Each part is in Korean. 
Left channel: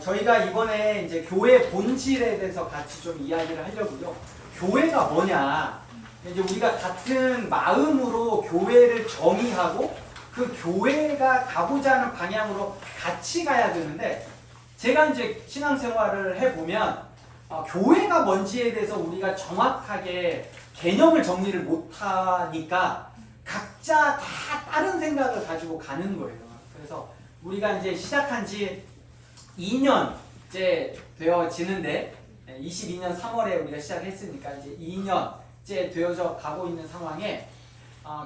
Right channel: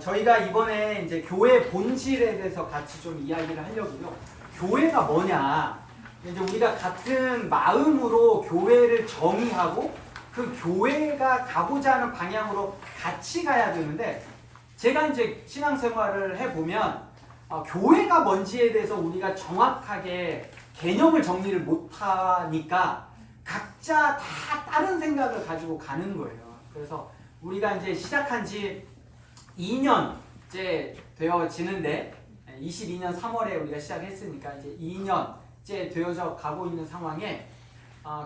저희가 이번에 이제 교회 본질에 대해서 같이 좀 이야기를 하려고요. 교회가 뭐냐? 이제 우리가 같은 마음으로 교회를 정의하고 그 교회가 가고자 하는 방향으로 같이 가야 되는데, 제가 이제 신앙생활을 해보면 교회가 뭔지에 대해서 우리가 정확하게 개념을 정리를 못하니까 각자 다 다른 생각을 가지고 가는 거예요. 그래서 우리가 이제 시작한 지 2년째 되어지는데, 22년 3월에 우리가 시작했으니까 이제 2년째 되어져 가고 있는 상황에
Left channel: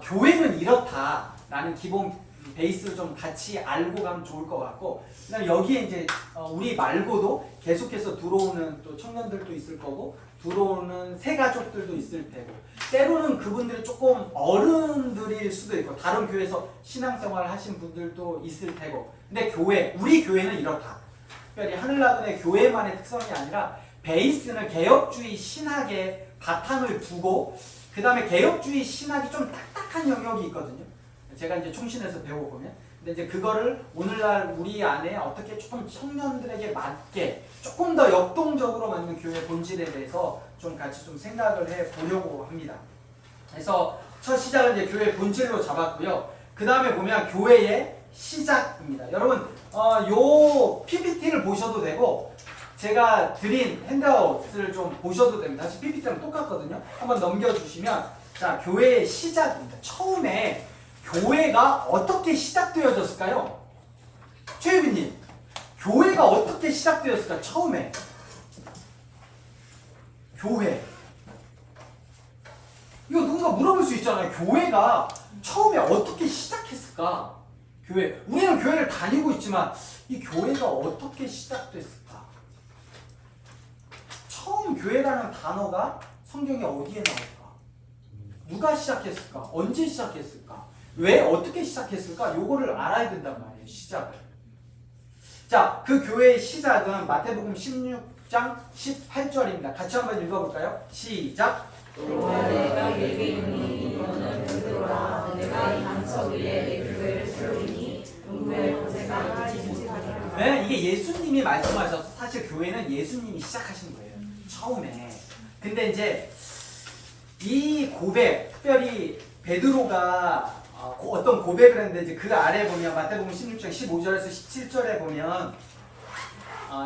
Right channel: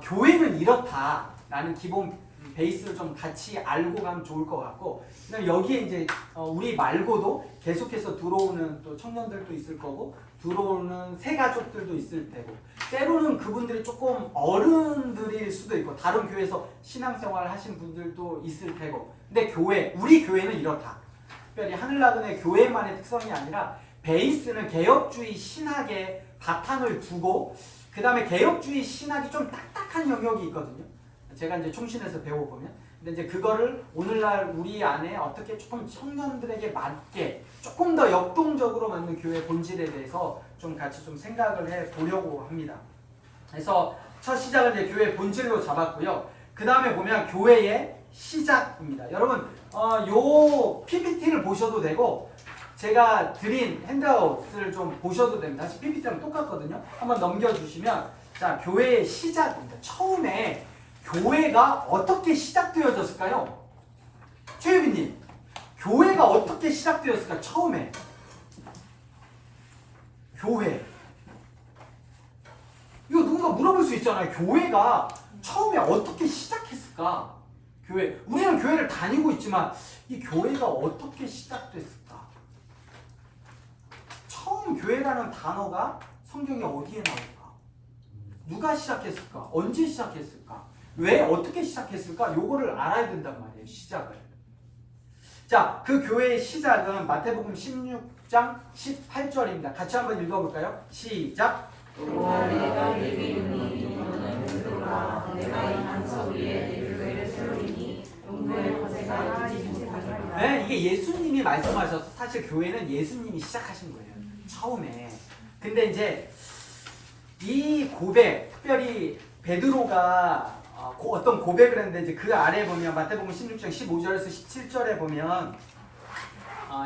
교회는 이렇다라는 기본 베이스를 좀 같이 알고 가면 좋을 것 같고, 그다음에 여기에 이제 우리 말고도 계속해서 들어오는 또 청년들도 있을 거고, 들어오는 새 가족들도 있을 테고, 때로는 그분들이 조금 어른들일 수도 있고, 다른 교회에서 신앙생활을 하신 분들도 있을 테고, 근데 우리 교회는 이렇다. 특별히 하늘나든의 교회만의 특성이 아니라 베이스는 개혁주의 신학의 바탕을 두고, 그 다음에 개혁주의 신학이 좀 딱딱한 영역이 있거든요. 제가 이제 총신에서 배워보면, 근데 이제 그거를 오늘날 우리 안에 어떻게 조금 청년들에게 맞게 조금 더 역동적으로 만든 교회 본질에 대해서 좀 같이 좀 생각을 해 보려고 합니다. 그래서 첫 시작은 이제 교회 본질로 잡았고요. 그 다음에 보면 교회의 시작입니다. 여러분, 요 PPT를 보셔도 되고, 제가 드린 핸드아웃을 좀 보셔도 됩니다. 사실 PPT랑 똑같거든요. 한번 넘겨주시면, 자, 교회의 시작입니다. 처음에 교회가 어떻게 시작되어졌을까요? 최유빈님, 교회가 어떻게 시작되었을까? 처음에 교회, 이거 누군가 물어볼 수 있잖아요. 교회가 처음에 어떻게 시작했을까? 교회, 우리는 교회를 다니고 있지만 이 교회가 어떻게 시작됐을까? 처음 교회라는 단어가 성경에 어디에 나올까? 누가 시작했을까? 언제 시작했을까? 왜 어떻게 시작했을까? 요거를 알아야 된단 말이에요. 시작을. 자, 그 교회의 시작은 마태복음 16장 18절입니다. 같이 한번 읽어볼까요? 시작. 내가 내게 있니 너는 베드로라 내가 이 반석 위에 내 교회를 세우리니 문무의 거제가 이지 못하리라. 네, 이게 예수님이 말씀하셔서 사실 교회는 예수님이 시작하신 거예요. 처음에. 근데 이제 이 고백, 특별히 베드로가 어떤 고백을 했는데, 이제 그 아래 보면 마태복음 16장 15절에서 17절에 보면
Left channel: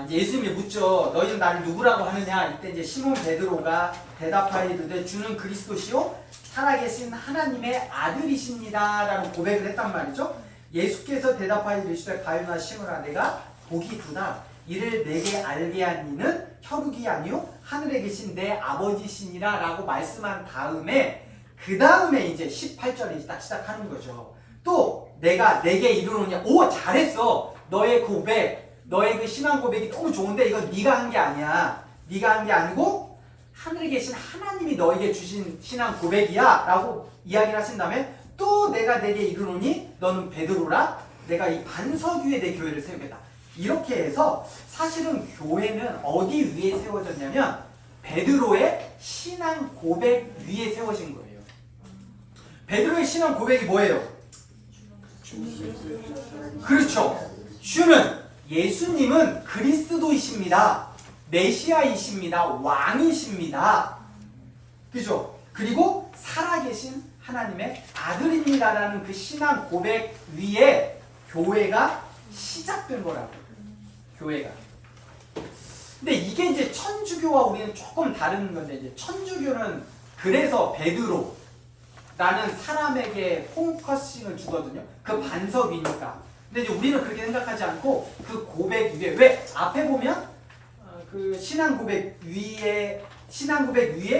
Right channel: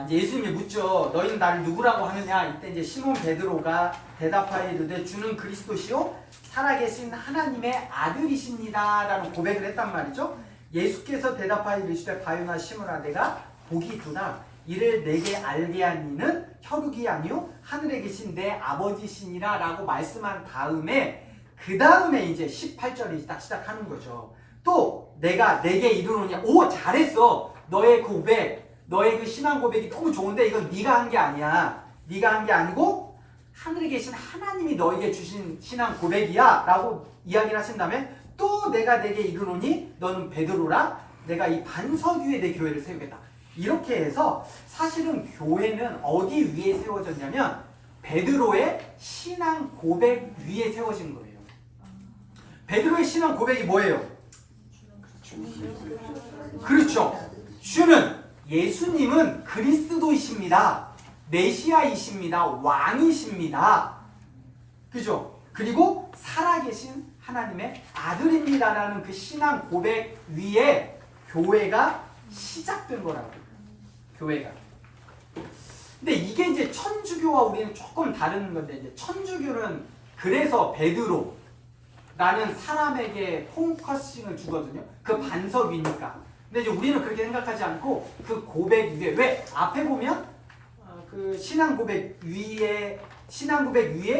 이제 예수님이 묻죠. 너희는 나를 누구라고 하느냐? 이때 이제 시몬 베드로가 대답하여 이르되 주는 그리스도시요 살아계신 하나님의 아들이십니다라는 고백을 했단 말이죠. 예수께서 대답하여 이르시되 가요나 시몬아 내가 복이 두다. 이를 내게 알게 한 이는 혈육이 아니요 하늘에 계신 내 아버지시니라 라고 말씀한 다음에, 그 다음에 이제 18절이 딱 시작하는 거죠. 또 내가 내게 이르노니, 오 잘했어. 너의 고백, 너의 그 신앙 고백이 너무 좋은데 이건 네가 한 게 아니야. 네가 한 게 아니고 하늘에 계신 하나님이 너에게 주신 신앙 고백이야 라고 이야기를 하신 다음에, 또 내가 내게 이르노니 너는 베드로라. 내가 이 반석 위에 내 교회를 세우겠다. 이렇게 해서 사실은 교회는 어디 위에 세워졌냐면 베드로의 신앙 고백 위에 세워진 거예요. 베드로의 신앙 고백이 뭐예요? 그렇죠. 주는 예수님은 그리스도이십니다. 메시아이십니다. 왕이십니다. 그죠? 그리고 살아계신 하나님의 아들입니다라는 그 신앙 고백 위에 교회가 시작된 거라고요. 교회가. 근데 이게 이제 천주교와 우리는 조금 다른 건데, 이제 천주교는 그래서 베드로 라는 사람에게 포커싱을 주거든요. 그 반석 위니까. 근데 이제 우리는 그렇게 생각하지 않고 그 고백 위에, 왜? 앞에 보면 그 신앙 고백 위에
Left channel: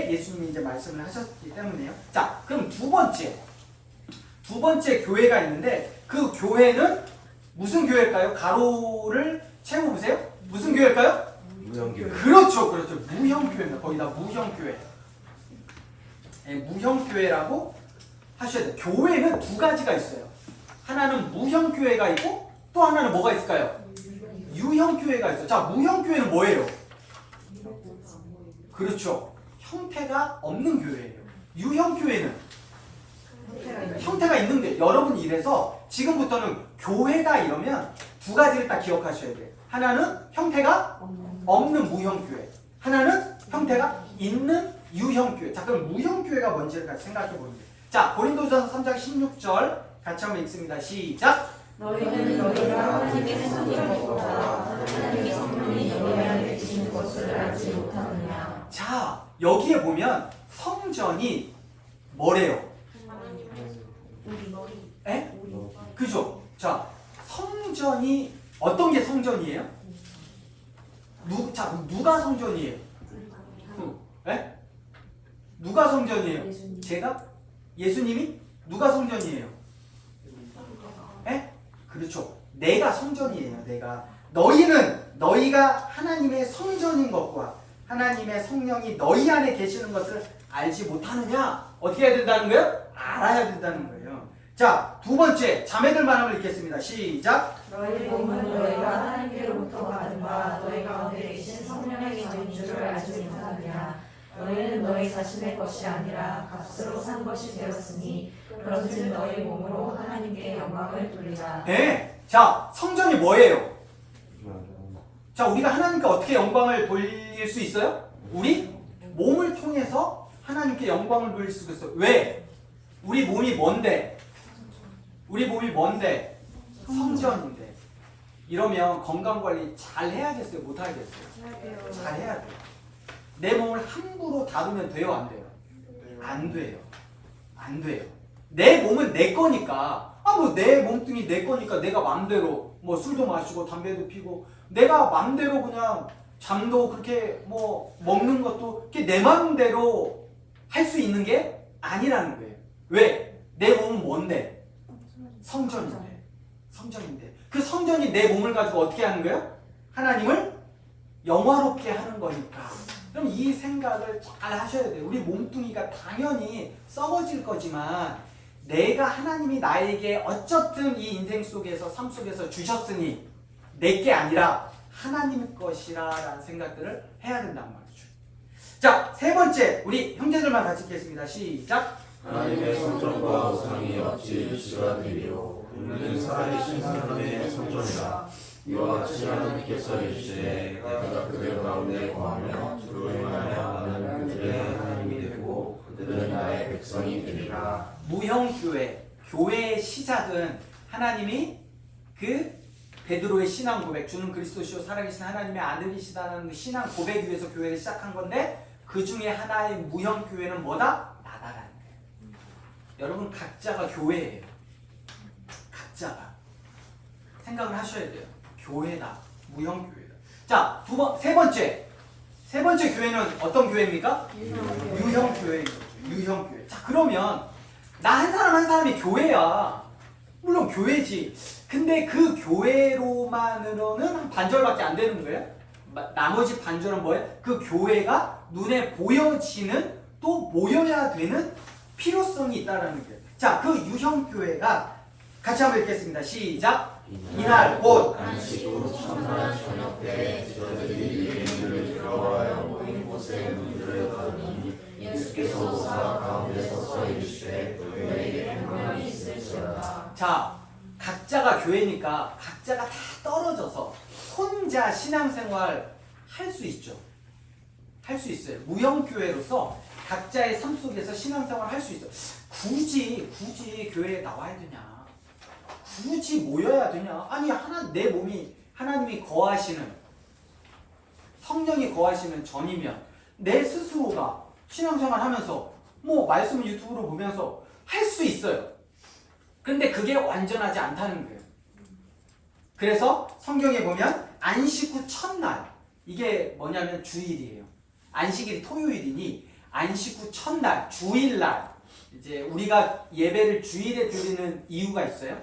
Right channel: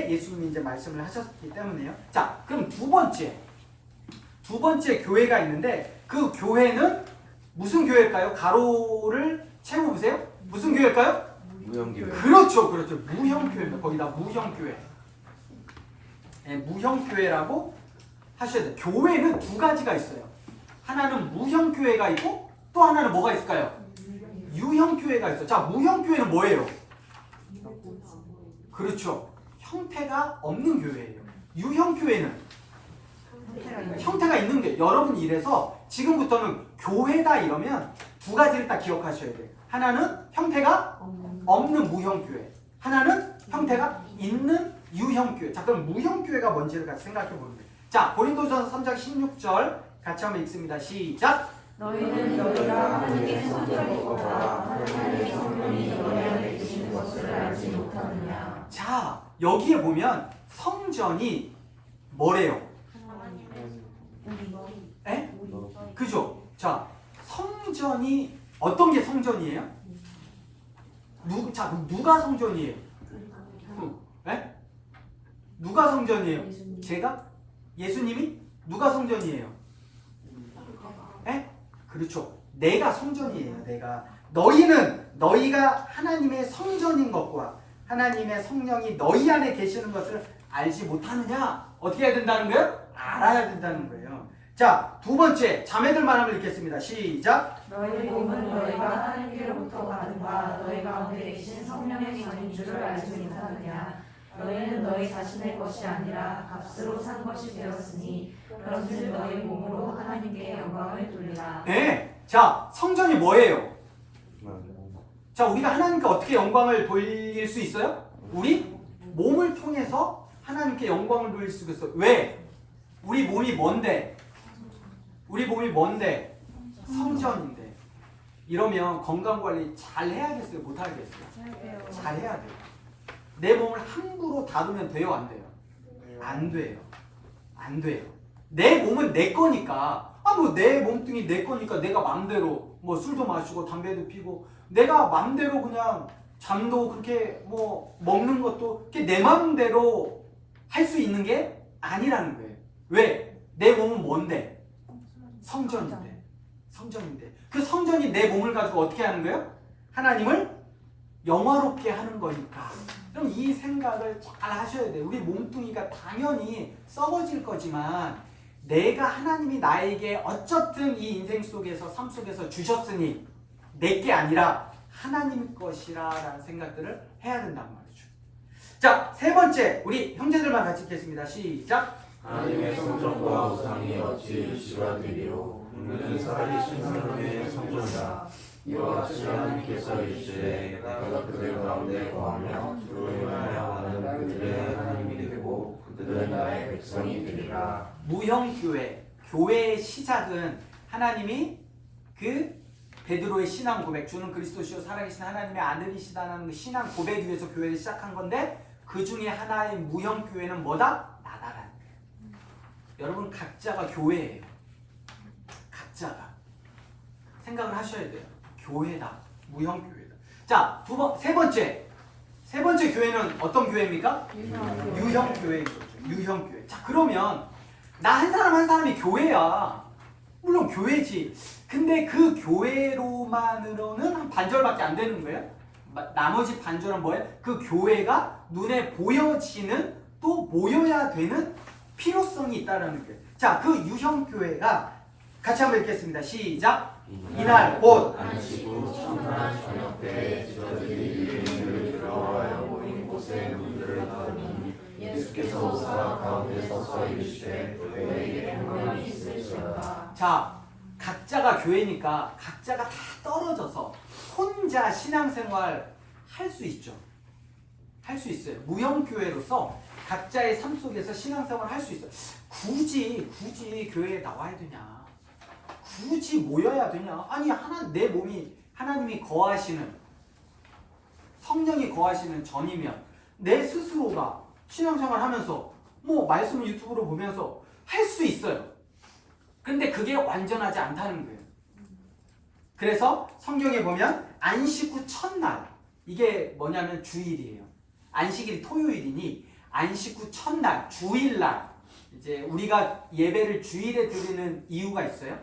예수님이 이제 말씀을 하셨기 때문이에요. 자, 그럼 두 번째 교회가 있는데, 그 교회는 무슨 교회일까요? 가로를 채워보세요. 무슨 교회일까요? 무형교회. 그렇죠. 무형교회입니다. 거의 다 무형교회. 네, 무형교회라고 하셔야 돼요. 교회는 두 가지가 있어요. 하나는 무형교회가 있고, 또 하나는 뭐가 있을까요? 유형교회가 있어요. 자, 무형교회는 뭐예요? 그렇죠. 형태가 없는 교회예요. 유형교회는 형태가 있는 게, 여러분 이래서 지금부터는 교회다 이러면 두 가지를 딱 기억하셔야 돼요. 하나는 형태가 없는 무형교회, 하나는 형태가 있는 유형교회. 자, 그럼 무형교회가 뭔지를 같이 생각해 보면 돼요. 자, 고린도전서 3장 16절 같이 한번 읽습니다. 시작. 너희는 너희가 하나님의 성전이고다 하나님의 성전이 너희 안에 계시는 것을 알지 못하느냐. 자, 여기에 보면 성전이 뭐래요? 에? 그죠? 자, 성전이 어떤 게 성전이에요? 자, 그럼 누가 성전이에요? 에? 누가 성전이에요? 제가? 예수님이? 누가 성전이에요? 에? 그렇죠. 내가 성전이에요. 내가. 너희가 하나님의 성전인 것과 하나님의 성령이 너희 안에 계시는 것을 알지 못하느냐? 어떻게 해야 된다는 거예요? 알아야 된다는 거예요. 자, 두 번째 자매들만 한번 읽겠습니다. 시작. 너희 몸은 너희가 하나님께로부터 받은 바 너희 가운데 계신 성령의 전인 줄을 알지 못하느냐. 너희는 너희 자신의 것이 아니라 값으로 산 것이 되었으니 그런즉 너희 몸으로 하나님께 영광을 돌리라. 네. 자, 성전이 뭐예요? 자, 우리가 하나님께 어떻게 영광을 돌릴 수 있어요? 우리 몸을 통해서 하나님께 영광을 돌릴 수 있어요. 왜? 우리 몸이 뭔데? 우리 몸이 뭔데? 성전인데. 이러면 건강관리 잘 해야겠어요? 못 하겠어요? 잘 해야 돼요. 내 몸을 함부로 다루면 돼요? 안 돼요? 안 돼요. 안 돼요. 내 몸은 내 거니까, 뭐 내 몸뚱이 내 거니까 내가 맘대로 뭐 술도 마시고 담배도 피고 내가 맘대로 그냥 잠도 그렇게 뭐 먹는 것도 내 맘대로 할 수 있는 게 아니라는 거예요. 왜? 내 몸은 뭔데? 성전인데. 성전인데. 그 성전이 내 몸을 가지고 어떻게 하는 거예요? 하나님을 영화롭게 하는 거니까. 그럼 이 생각을 잘 하셔야 돼요. 우리 몸뚱이가 당연히 썩어질 거지만 내가 하나님이 나에게 어쨌든 이 인생 속에서 삶 속에서 주셨으니 내게 아니라 하나님 것이라라는 생각들을 해야 된다는 말이죠. 자, 세 번째 우리 형제들만 같이 읽겠습니다. 시작. 하나님의 성전과 우상이 어찌 일치가 되리요. 우리는 살아계신 하나님의 성전이라. 이와 같이 하나님께서 이르시되 내가 그들 가운데 거하며 그들을 만나며 나는 그들의 하나님이 되고 그들은 나의 백성이 되리라. 무형교회, 교회의 시작은 하나님이 그 베드로의 신앙 고백, 주는 그리스도시요 살아계신 하나님의 아들이시다는 그 신앙 고백 위에서 교회를 시작한 건데 그 중에 하나의 무형교회는 뭐다? 나다라는 거예요. 여러분 각자가 교회예요. 각자가 생각을 하셔야 돼요. 교회다, 무형교회다. 자, 세 번째 교회는 어떤 교회입니까? 유형교회인 거죠. 유형교회. 자, 그러면 나 한 사람 한 사람이 교회야. 물론 교회지. 근데 그 교회로만으로는 한 반절밖에 안 되는 거예요. 나머지 반절은 뭐예요? 그 교회가 눈에 보여지는 또 모여야 되는 필요성이 있다는 거예요. 자, 그 유형교회가 같이 한번 읽겠습니다. 시작. 이날 곧 안식 후 첫날 저녁 때 저들이 예수를 들어와요 모인 곳에 문들을 닫으니 예수께서 오사 가운데 서서 이르시되 너희에게 평안이 있을지어다. 자, 각자가 교회니까 각자가 다 떨어져서 혼자 신앙생활 할 수 있죠. 할 수 있어요. 무형교회로서 각자의 삶 속에서 신앙생활 할 수 있어요. 굳이 교회에 나와야 되냐? 굳이 모여야 되냐? 아니 내 몸이 하나님이 거하시는 성령이 거하시는 전이면 내 스스로가 신앙생활 하면서 뭐 말씀을 유튜브로 보면서 할 수 있어요. 근데 그게 완전하지 않다는 거예요. 그래서 성경에 보면 안식 후 첫날 이게 뭐냐면 주일이에요. 안식일이 토요일이니 안식 후 첫날 주일날 이제 우리가 예배를 주일에 드리는 이유가 있어요.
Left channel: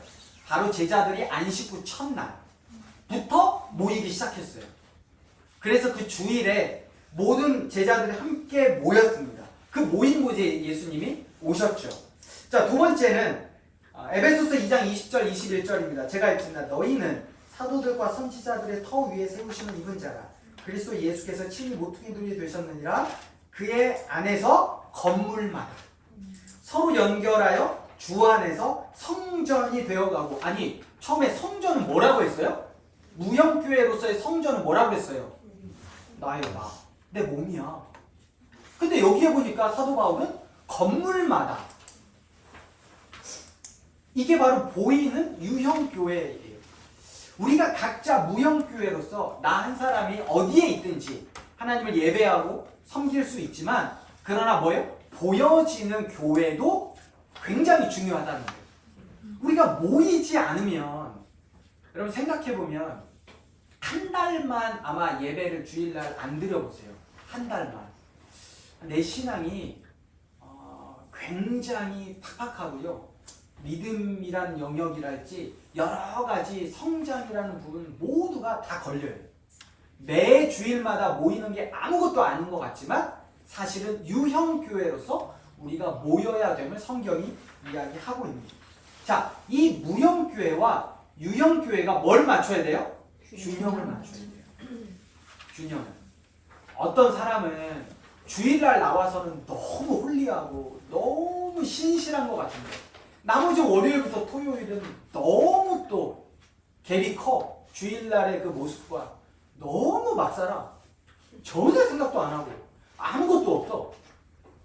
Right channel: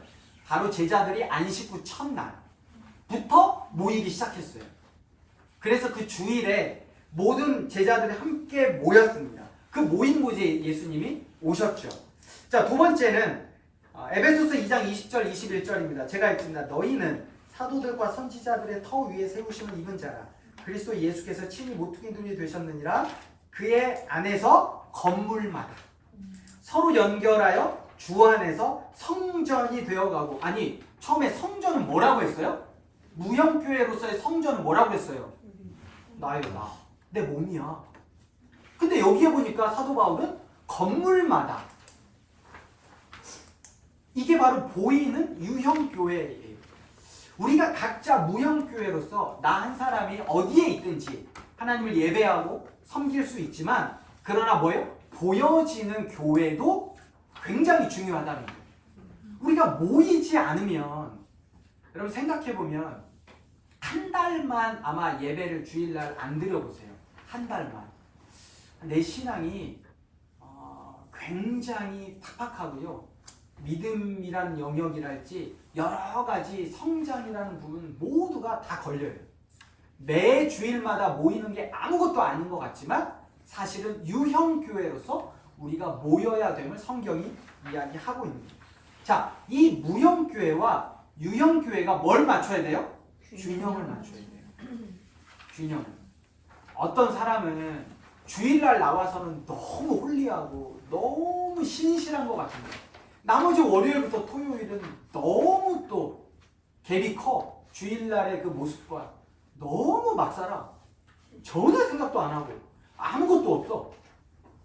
바로 제자들이 안식 후 첫날부터 모이기 시작했어요. 그래서 그 주일에 모든 제자들이 함께 모였습니다. 그 모인 곳에 예수님이 오셨죠. 자, 두 번째는 에베소서 2장 20절 21절입니다. 제가 읽습니다. 너희는 사도들과 선지자들의 터 위에 세우심을 입은 자라. 그리스도 예수께서 친히 모퉁이돌이 되셨느니라. 그의 안에서 건물마다 서로 연결하여 주 안에서 성전이 되어가고. 아니 처음에 성전은 뭐라고 했어요? 무형교회로서의 성전은 뭐라고 했어요? 나예요, 나. 내 몸이야. 근데 여기에 보니까 사도 바울은 건물마다 이게 바로 보이는 유형교회예요. 우리가 각자 무형교회로서 나 한 사람이 어디에 있든지 하나님을 예배하고 섬길 수 있지만 그러나 뭐예요? 보여지는 교회도 굉장히 중요하다는 거예요. 우리가 모이지 않으면 여러분 생각해보면 한 달만 아마 예배를 주일날 안 드려보세요. 한 달만. 내 신앙이 굉장히 팍팍하고요. 믿음이라는 영역이랄지 여러 가지 성장이라는 부분 모두가 다 걸려요. 매 주일마다 모이는 게 아무것도 아닌 것 같지만 사실은 유형교회로서 우리가 모여야 됨을 성경이 이야기하고 있는 거예요. 자, 이 무형교회와 유형교회가 뭘 맞춰야 돼요? 균형을 맞춰야 돼요. 균형을. 어떤 사람은 주일날 나와서는 너무 홀리하고 너무 신실한 것 같은데 나머지 월요일부터 토요일은 너무 또 갭이 커. 주일날의 그 모습과 너무 막 살아. 전혀 생각도 안 하고 아무것도 없어.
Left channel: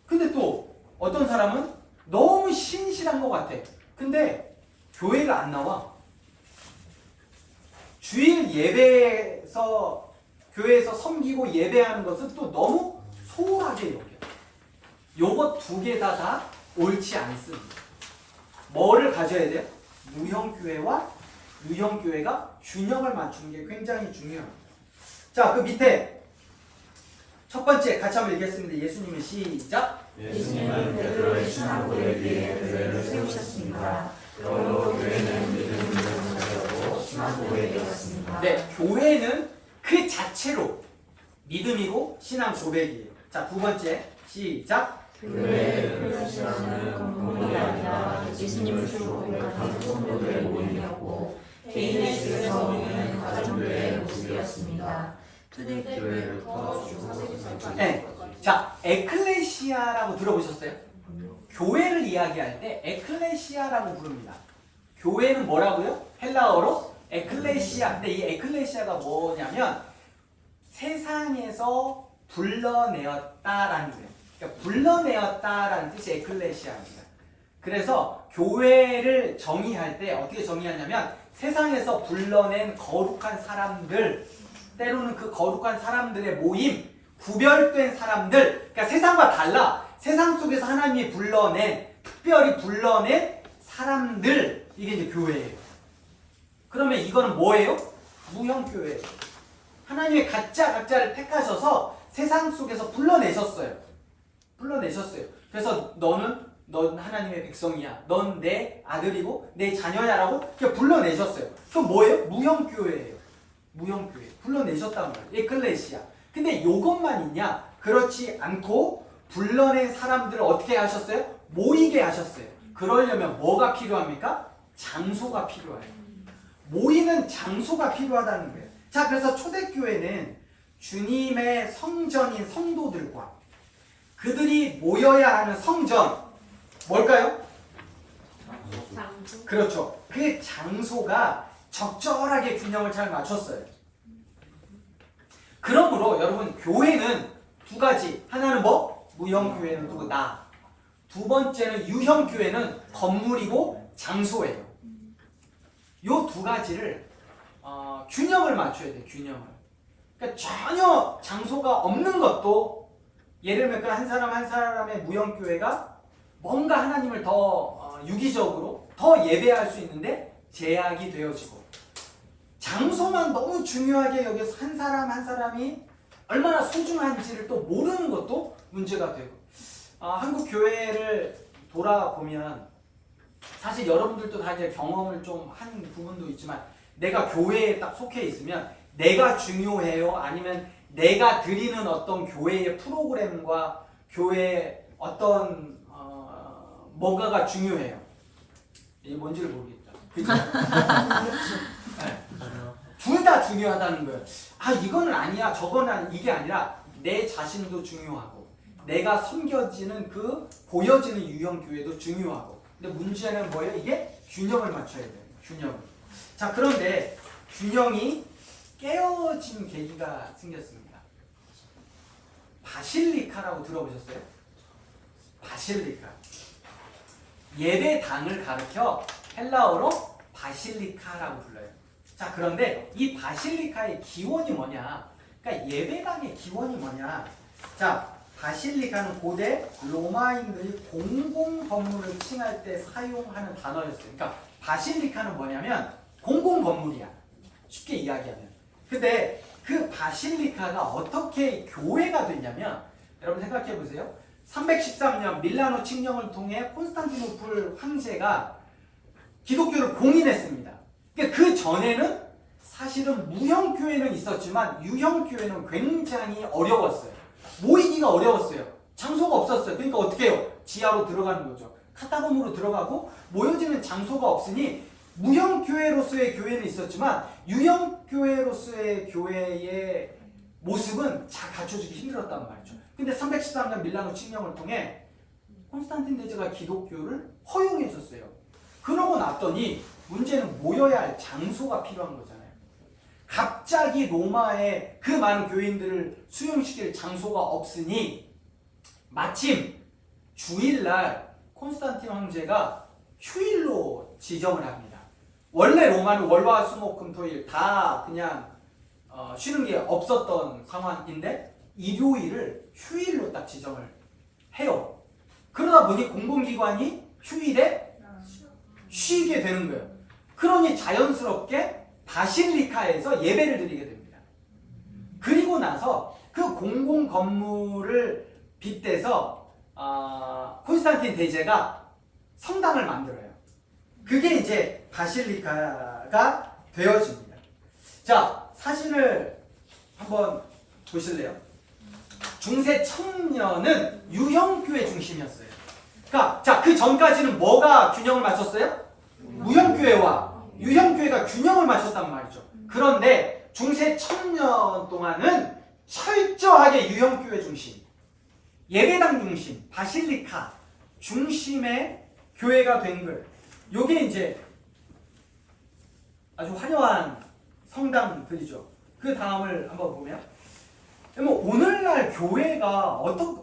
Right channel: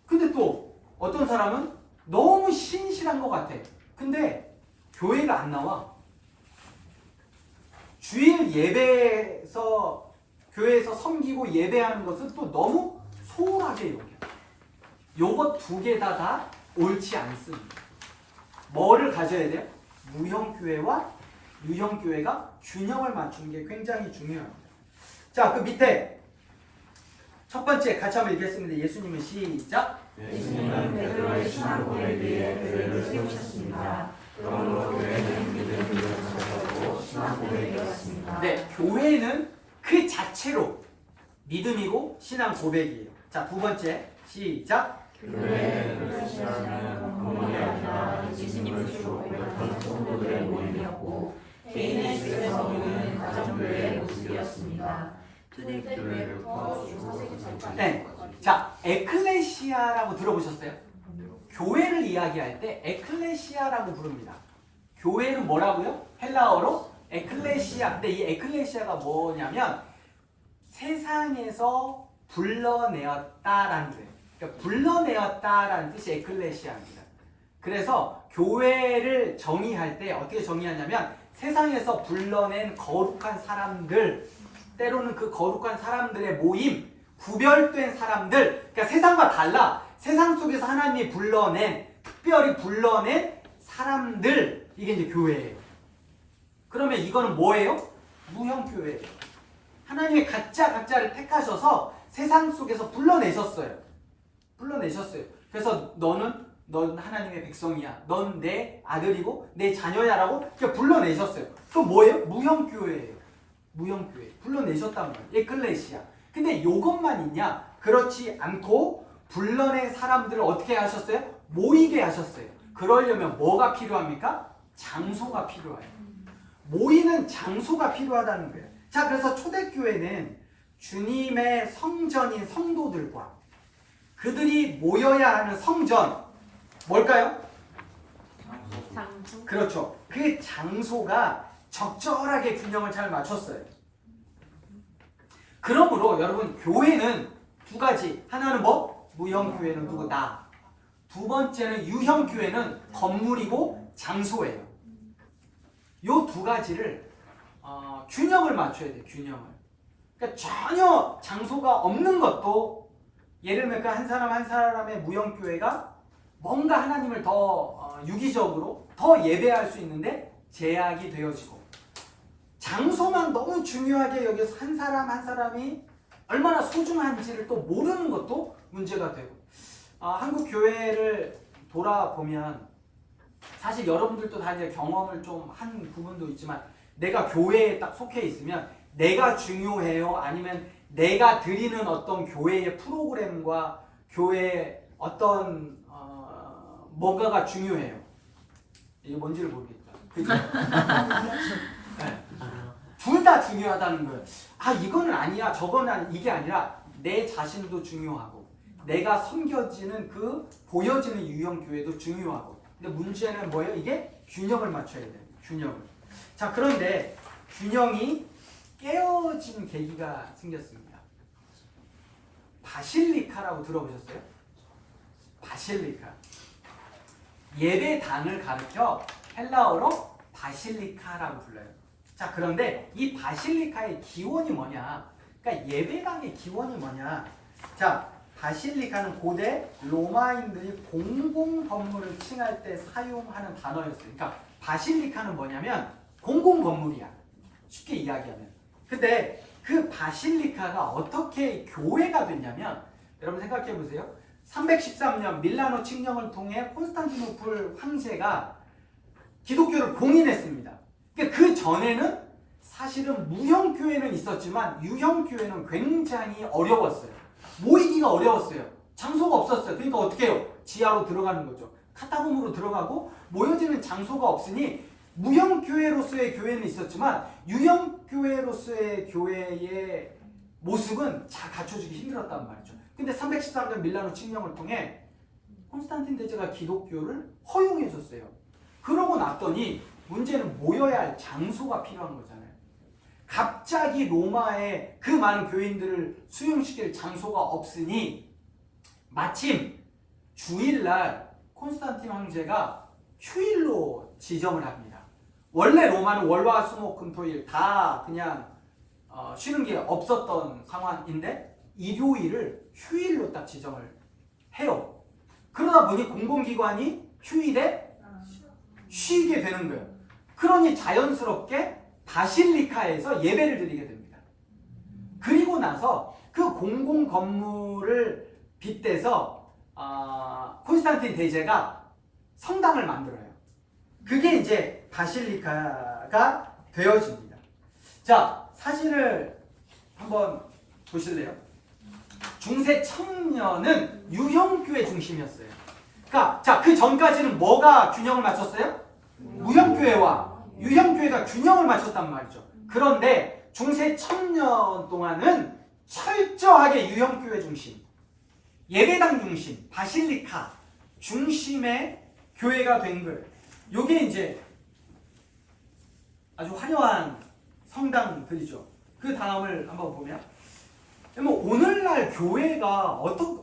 근데 또 어떤 사람은 너무 신실한 것 같아. 근데 교회를 안 나와. 주일 예배에서 교회에서 섬기고 예배하는 것은 또 너무 소홀하게 여겨. 요것 두 개 다 옳지 않습니다. 뭐를 가져야 돼요? 무형교회와 유형교회가 균형을 맞추는 게 굉장히 중요합니다. 자, 그 밑에 첫 번째 같이 한번 읽겠습니다. 예수님은 시작. 예수님은 베드로의 신앙 고백에 교회를 세우셨습니다. 그러므로 교회는 믿음으로 성장하고 신앙 고백이었습니다. 네, 교회는 그 자체로 믿음이고 신앙 고백이에요. 자, 두 번째 시작. 교회는 크리스천은 건물이 아니라 예수님을 주로 고백하는 성도들의 모임이었고 개인의 주에서 오는 가정교회의 모습이었습니다. 초대교회부터 중세기까지. 네, 자, 에클레시아라고 들어보셨어요? 교회를 이야기할 때 에클레시아라고 부릅니다. 교회는 뭐라고요? 헬라어로 에클레시아. 근데 이 에클레시아가 뭐냐면 세상에서 불러내었다라는 거예요. 그러니까 불러내었다라는 뜻이 에클레시아입니다. 그래서 교회를 정의할 때 어떻게 정의하냐면 세상에서 불러낸 거룩한 사람들, 때로는 그 거룩한 사람들의 모임, 구별된 사람들, 그러니까 세상과 달라. 세상 속에서 하나님이 불러낸, 특별히 불러낸 사람들, 이게 이제 교회예요. 그러면 이거는 뭐예요? 무형교회예요. 하나님의 각자를 택하셔서 세상 속에서 불러내셨어요. 불러내셨어요. 그래서 넌 하나님의 백성이야. 넌 내 아들이고 내 자녀야라고 불러내셨어요. 그럼 뭐예요? 무형교회예요. 무형교회. 불러내셨단 말이에요. 에클레시아. 근데 요것만 있냐? 그렇지 않고 불러낸 사람들을 어떻게 하셨어요? 모이게 하셨어요. 그러려면 뭐가 필요합니까? 장소가 필요해요. 모이는 장소가 필요하다는 거예요. 자, 그래서 초대교회는 주님의 성전인 성도들과 그들이 모여야 하는 성전, 뭘까요? 장소. 그렇죠. 그 장소가 적절하게 균형을 잘 맞췄어요. 그러므로 여러분 교회는 두 가지. 하나는 뭐? 무형교회는 누구? 나. 두 번째는 유형교회는 건물이고 장소예요. 요 두 가지를 균형을 맞춰야 돼요. 균형을. 그러니까 전혀 장소가 없는 것도 예를 들면 그 한 사람 한 사람의 무형교회가 뭔가 하나님을 더 유기적으로 더 예배할 수 있는데 제약이 되어지고 장소만 너무 중요하게 여기서 한 사람 한 사람이 얼마나 소중한지를 또 모르는 것도 문제가 되고 한국 교회를 돌아보면 사실 여러분들도 다 이제 경험을 좀 한 부분도 있지만 내가 교회에 딱 속해 있으면 내가 중요해요? 아니면 내가 드리는 어떤 교회의 프로그램과 교회의 어떤 뭔가가 중요해요? 이게 뭔지를 모르겠다. 그죠? 네. 둘 다 중요하다는 거예요. 아, 이거는 아니야, 저거는 이게 아니라 내 자신도 중요하고 내가 섬겨지는 그 보여지는 유형교회도 중요하고. 근데 문제는 뭐예요? 이게 균형을 맞춰야 돼요. 균형을. 자, 그런데 균형이 깨어진 계기가 생겼습니다. 바실리카라고 들어보셨어요? 바실리카. 예배당을 가르쳐 헬라어로 바실리카라고 불러요. 자, 그런데 이 바실리카의 기원이 뭐냐? 그러니까 예배당의 기원이 뭐냐? 자, 바실리카는 고대 로마인들이 공공 건물을 칭할 때 사용하는 단어였어요. 그러니까 바실리카는 뭐냐면 공공 건물이야. 쉽게 이야기하면. 근데 그 바실리카가 어떻게 교회가 됐냐면 여러분 생각해 보세요. 313년 밀라노 칙령을 통해 콘스탄티노플 황제가 기독교를 공인했습니다. 그러니까 그 전에는 사실은 무형교회는 있었지만 유형교회는 굉장히 어려웠어요. 모이기가 어려웠어요. 장소가 없었어요. 그러니까 어떻게 해요? 지하로 들어가는 거죠. 카타콤으로 들어가고 모여지는 장소가 없으니 무형교회로서의 교회는 있었지만 유형교회로서의 교회의 모습은 잘 갖춰주기 힘들었단 말이죠. 근데 313년 밀라노 칙령을 통해 콘스탄틴 대제가 기독교를 허용해 줬어요. 그러고 났더니 문제는 모여야 할 장소가 필요한 거잖아요. 갑자기 로마에 그 많은 교인들을 수용시킬 장소가 없으니 마침 주일날 콘스탄틴 황제가 휴일로 지정을 합니다. 원래 로마는 월화 수목 금토일 다 그냥 쉬는 게 없었던 상황인데 일요일을 휴일로 딱 지정을 해요. 그러다 보니 공공기관이 휴일에 쉬게 되는 거예요. 그러니 자연스럽게 바실리카에서 예배를 드리게 됩니다. 그리고 나서 그 공공 건물을 빗대서 콘스탄틴 대제가 성당을 만들어요. 그게 이제 바실리카가 되어집니다. 자, 사진을 한번 보실래요? 중세 청년은 유형교회 중심이었어요. 그러니까 자, 그 전까지는 뭐가 균형을 맞췄어요? 무형교회와 유형교회가 균형을 맞췄단 말이죠. 그런데 중세 청년 동안은 철저하게 유형교회 중심, 예배당 중심, 바실리카 중심의 교회가 된 거예요. 요게 이제 아주 화려한 성당들이죠. 그 다음을 한번 보면, 오늘날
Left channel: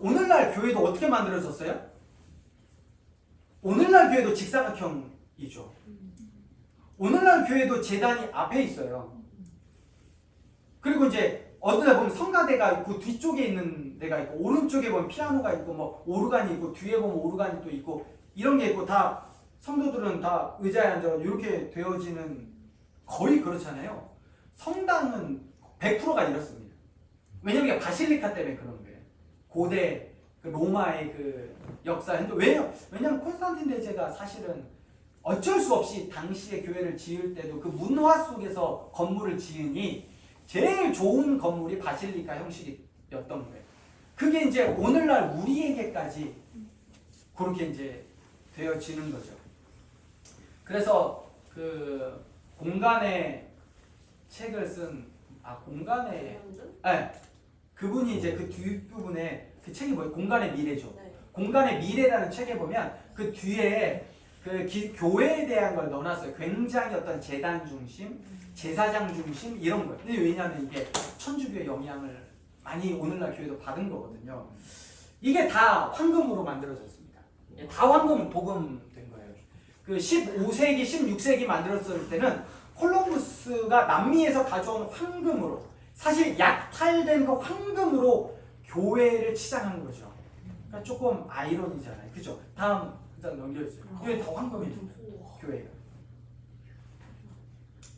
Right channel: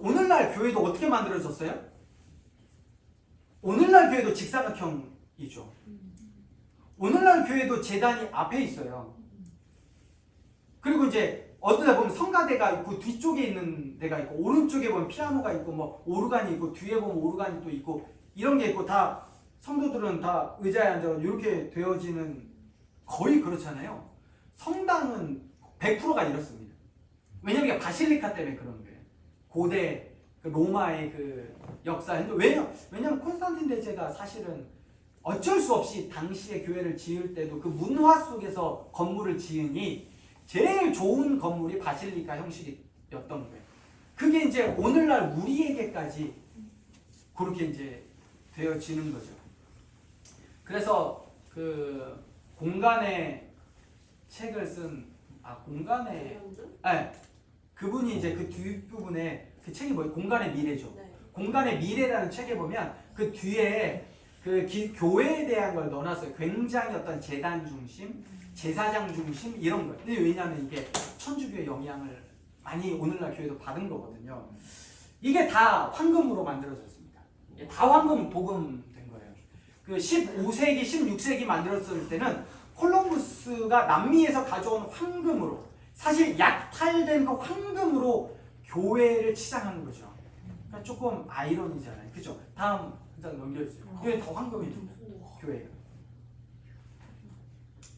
오늘날 교회도 어떻게 만들어졌어요? 오늘날 교회도 직사각형이죠. 오늘날 교회도 제단이 앞에 있어요. 그리고 이제 어떤 데 보면 성가대가 있고 뒤쪽에 있는 데가 있고 오른쪽에 보면 피아노가 있고 뭐 오르간이 있고 뒤에 보면 오르간이 또 있고 이런 게 있고 다 성도들은 다 의자에 앉아 이렇게 되어지는 거의 그렇잖아요. 성당은 100%가 이렇습니다. 왜냐면 이게 바실리카 때문에 그런 거예요. 고대 로마의 그 역사인데 왜냐면 콘스탄틴 대제가 사실은 어쩔 수 없이 당시에 교회를 지을 때도 그 문화 속에서 건물을 지으니 제일 좋은 건물이 바실리카 형식이었던 거예요. 그게 이제 오늘날 우리에게까지 그렇게 이제 되어지는 거죠. 그래서 그 공간의 책을 쓴 공간의 그분이 이제 그 뒷부분에 그 책이 뭐예요? 공간의 미래죠. 네. 공간의 미래라는 책에 보면 그 뒤에 그 교회에 대한 걸 넣어놨어요. 굉장히 어떤 재단 중심, 제사장 중심 이런 거. 근데 왜냐하면 이게 천주교의 영향을 많이 오늘날 교회도 받은 거거든요. 이게 다 황금으로 만들어졌습니다. 다 황금 복음된 거예요. 그 15세기, 16세기 만들었을 때는 콜럼부스가 남미에서 가져온 황금으로 사실 약탈된 그 황금으로 교회를 치장한 거죠. 그러니까 조금 아이러니잖아요. 그죠? 다음 한 장 넘겨주세요. 이게 다 황금입니다. 교회가.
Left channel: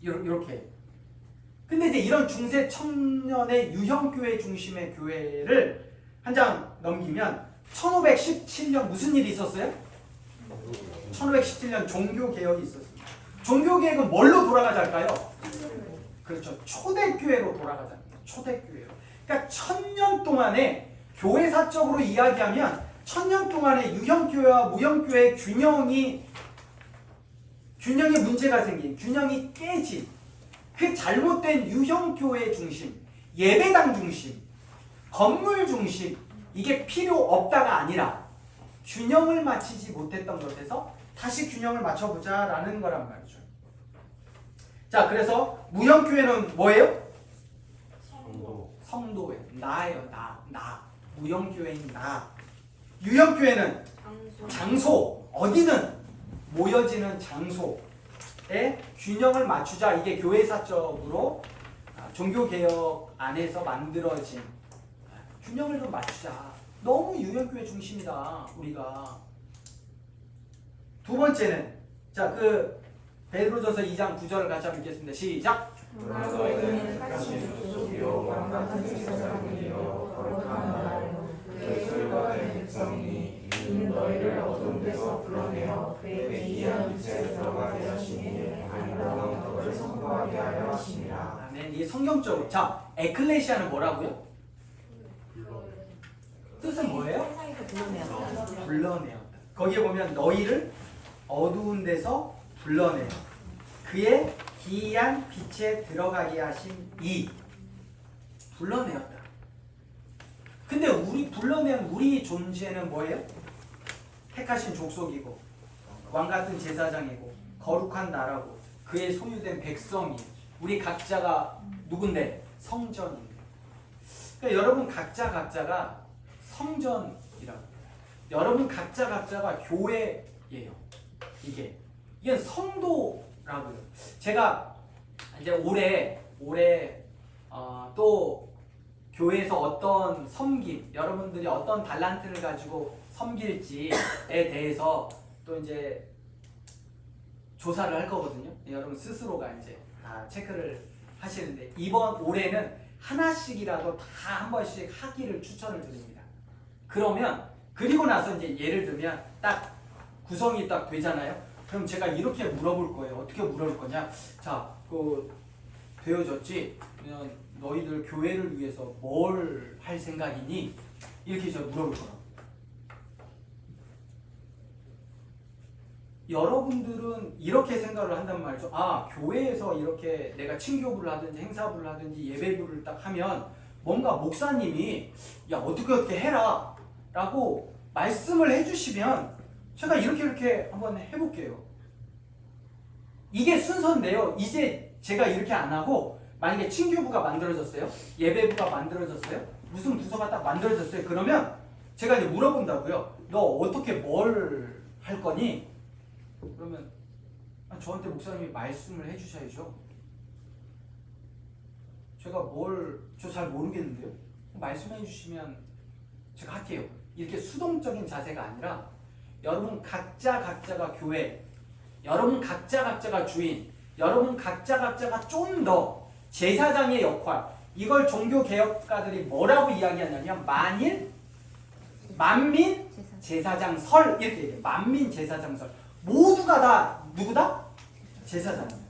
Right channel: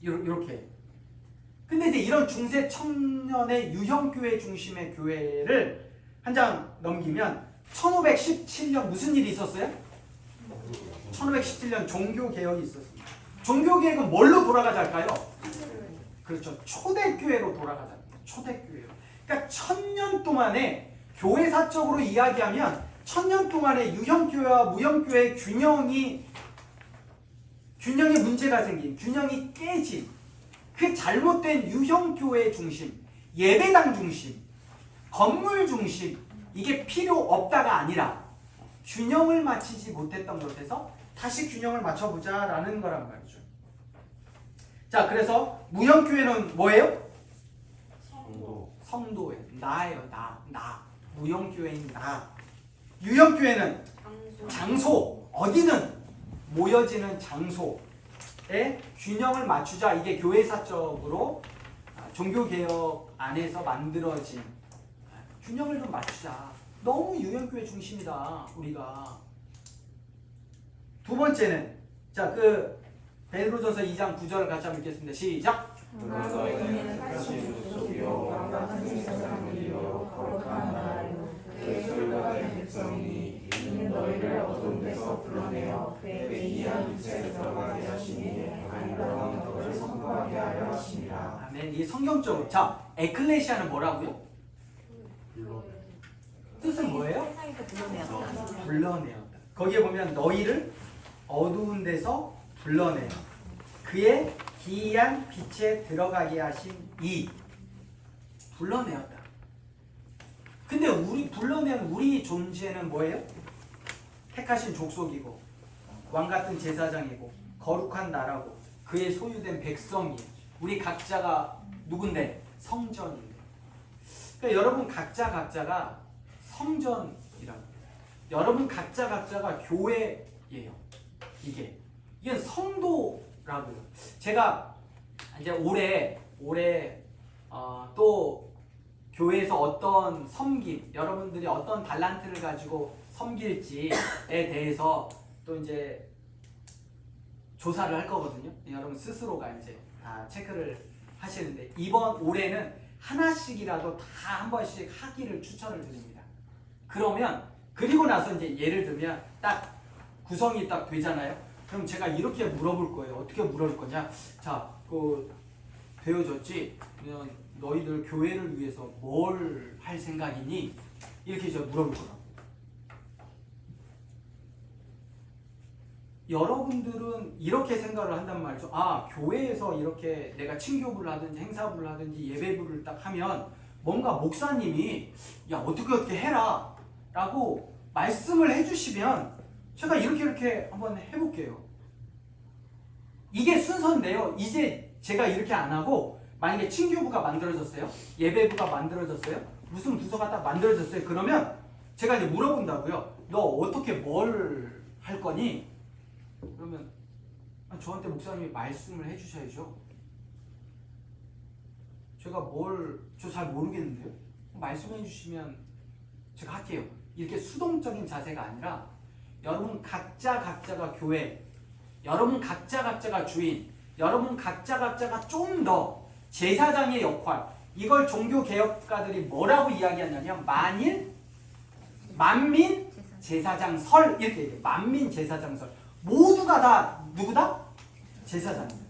이렇게. 근데 이제 이런 중세 청년의 유형교회 중심의 교회를 한 장 넘기면 1517년 무슨 일이 있었어요? 1517년 종교개혁이 있었습니다. 종교개혁은 뭘로 돌아가자할까요? 그렇죠. 초대교회로 돌아가자합니다. 초대교회로. 그러니까 1000년 동안에 교회사적으로 이야기하면 1000년 동안의 유형교회와 무형교회의 균형이 문제가 생긴, 균형이 깨진 그 잘못된 유형교회 중심, 예배당 중심, 건물 중심 이게 필요 없다가 아니라 균형을 맞추지 못했던 것에서 다시 균형을 맞춰보자라는 거란 말이죠. 자, 그래서 무형교회는 뭐예요? 성도에 나예요. 나 무형교회인 나. 유형교회는 장소 어디든 모여지는 장소에 균형을 맞추자. 이게 교회사적으로 종교개혁 안에서 만들어진 균형을 좀 맞추자. 너무 유형교회 중심이다 우리가. 두 번째는 자 그 베드로전서 2장 9절을 같이 한번 읽겠습니다. 시작. 너희는 택하신 족속이요 왕 같은 제사장들이요 거룩한 나라요 그의 소유받은 백성이니 이는 너희를 어두운 데서 불러내어 그의 기이한 빛에 들어가게 하시니 아름다운 것을 선포하게 하려 하심이라. 아멘. 이게 성경적으로 자 에클레시아는 뭐라고요? 뜻은 뭐예요? 불러내었다. 거기에 보면 너희를 어두운 데서 불러내어 그의 기이한 빛에 들어가게 하신 이 불러내었다. 근데 우리 불러낸 우리 존재는 뭐예요? 택하신 족속이고 왕 같은 제사장이고 거룩한 나라고 그의 소유된 백성이 우리 각자가 누군데? 성전인데. 그러니까 여러분 각자가 성전이라고. 여러분 각자가 교회예요. 이게 성도라고요. 제가 이제 올해 또 교회에서 어떤 섬김, 여러분들이 어떤 달란트를 가지고 섬길지에 대해서 또 이제 조사를 할 거거든요. 여러분 스스로가 이제 다 체크를 하시는데 이번 올해는 하나씩이라도 다 한 번씩 하기를 추천을 드립니다. 그리고 나서 이제 예를 들면 딱 구성이 딱 되잖아요. 그럼 제가 이렇게 물어볼 거예요. 어떻게 물어볼 거냐? 자, 되어졌지? 그러면 너희들 교회를 위해서 뭘 할 생각이니? 이렇게 제가 물어볼 거라고. 여러분들은 이렇게 생각을 한단 말이죠. 아, 교회에서 이렇게 내가 친교부를 하든지 행사부를 하든지 예배부를 딱 하면 뭔가 목사님이 야 어떻게 해라 라고 말씀을 해주시면 제가 이렇게 한번 해볼게요. 이게 순서인데요. 이제 제가 이렇게 안 하고 만약에 친교부가 만들어졌어요. 예배부가 만들어졌어요. 무슨 부서가 딱 만들어졌어요. 그러면 제가 이제 물어본다고요. 너 어떻게 뭘 할 거니? 그러면 저한테 목사님이 말씀을 해주셔야죠. 제가 저 잘 모르겠는데요. 말씀해 주시면 제가 할게요. 이렇게 수동적인 자세가 아니라 여러분 각자가 교회, 여러분 각자가 주인, 여러분 각자가 좀 더 제사장의 역할, 이걸 종교개혁가들이 뭐라고 이야기하냐면 만민 제사장설 이렇게 얘기해요. 만민 제사장설. 모두가 다 누구다? 제사장입니다.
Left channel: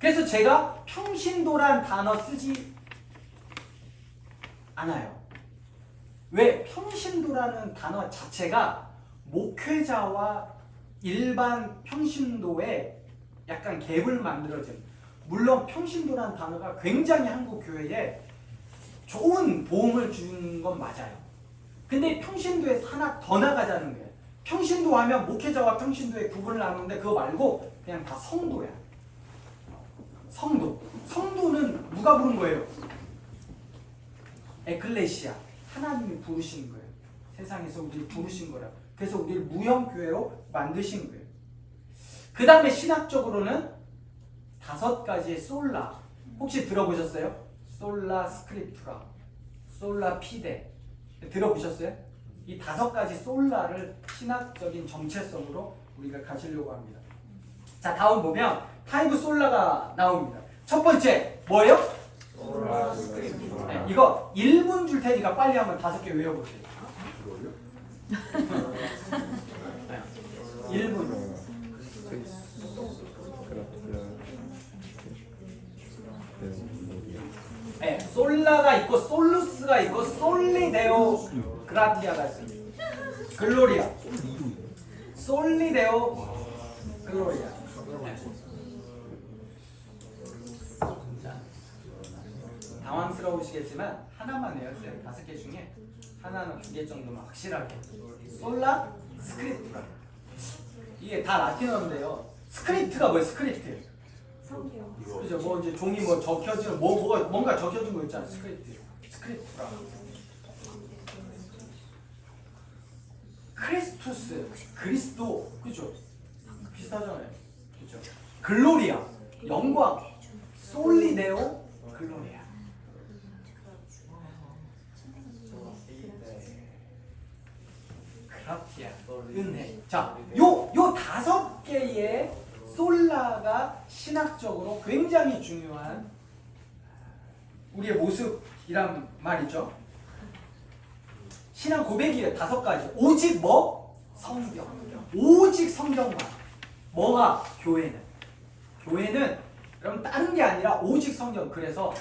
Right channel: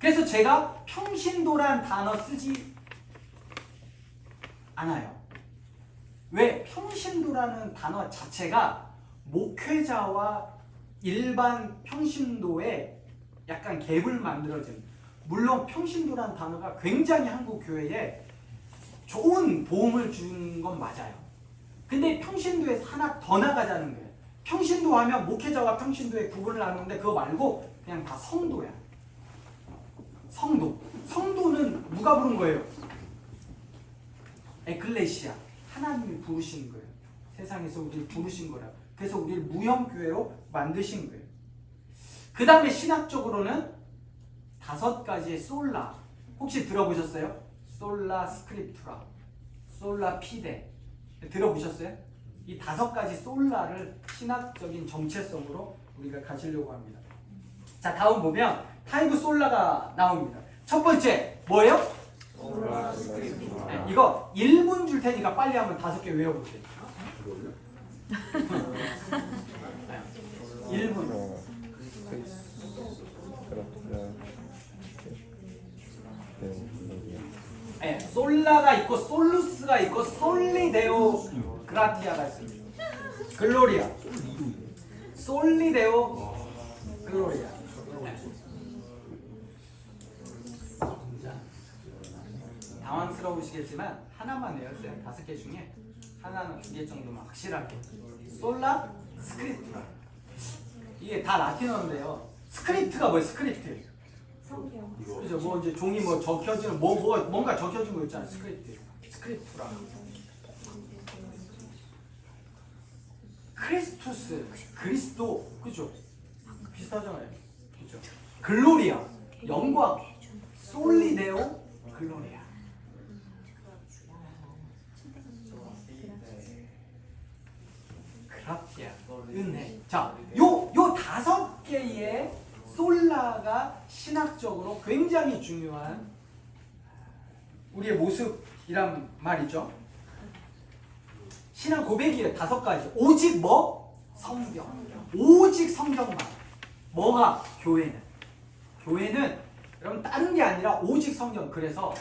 그래서 제가 평신도란 단어 쓰지 않아요. 왜? 평신도라는 단어 자체가 목회자와 일반 평신도에 약간 갭을 만들어진, 물론 평신도라는 단어가 굉장히 한국 교회에 좋은 도움을 준 건 맞아요. 근데 평신도에서 하나 더 나가자는 거예요. 평신도 하면 목회자와 평신도의 구분을 하는데 그거 말고 그냥 다 성도야. 성도는 누가 부른 거예요? 에클레시아. 하나님이 부르신 거예요. 세상에서 우리를 부르신 거라. 그래서 우리를 무형교회로 만드신 거예요. 그 다음에 신학적으로는 5가지의 솔라. 혹시 들어보셨어요? 솔라 스크립투라, 솔라 피데. 들어보셨어요? 이 5가지 솔라를 신학적인 정체성으로 우리가 가지려고 합니다. 자, 다음 보면 5 솔라가 나옵니다. 첫 번째 뭐예요? 솔라 스크립투라. 네, 이거 1분 줄 테니까 빨리 한번 5개 외워보세요. 1분. 네, 솔라가 있고 솔루스가 있고 솔리데오 그라티아가 있습니다. 글로리아. 솔리데오 글로리아. 자, 당황스러우시겠지만 하나만 외웠어요. 5개 중에 하나는 2개 정도만 확실하게. 솔라 스크립투라. 이게 다 라틴어인데요. 스크립트가 뭐예요? 스크립트. 성경. 이거 그죠? 뭐 이제 종이 뭐 적혀지는 뭔가 적혀진 거 있잖아. 스크립트라. 크리스투스, 그리스도, 그죠? 비슷하잖아요. 그죠? 글로리아, 영광, 솔리데오, 글로리아. 그라티아, 은혜. 자, 요 5개의 솔라가 신학적으로 굉장히 중요한 우리의 모습이란 말이죠. 신앙 고백이에요. 5가지. 오직 뭐? 성경. 오직 성경만. 뭐가? 교회는 여러분 다른 게 아니라 오직 성경. 그래서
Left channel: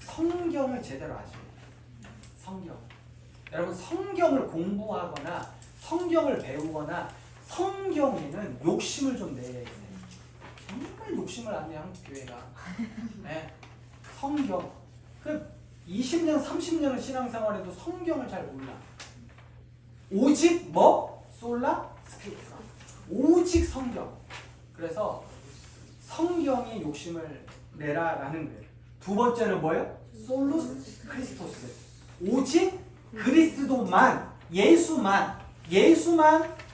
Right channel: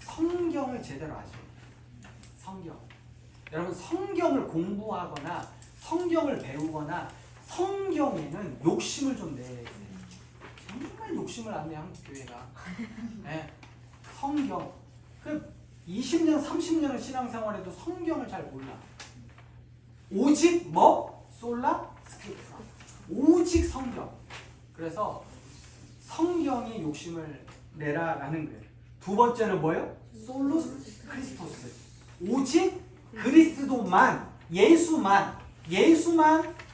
성경을 제대로 아셔야 돼요. 성경. 여러분 성경을 공부하거나 성경을 배우거나 성경에는 욕심을 좀 내야 돼요. 정말 욕심을 안 내요, 한국 교회가. 네. 성경. 그 20년, 30년을 신앙생활해도 성경을 잘 몰라. 오직 뭐? 솔라 스크립트라. 오직 성경. 그래서 성경에 욕심을 내라라는 거예요. 두 번째는 뭐예요? 솔루스 크리스토스. 오직 그리스도만, 예수만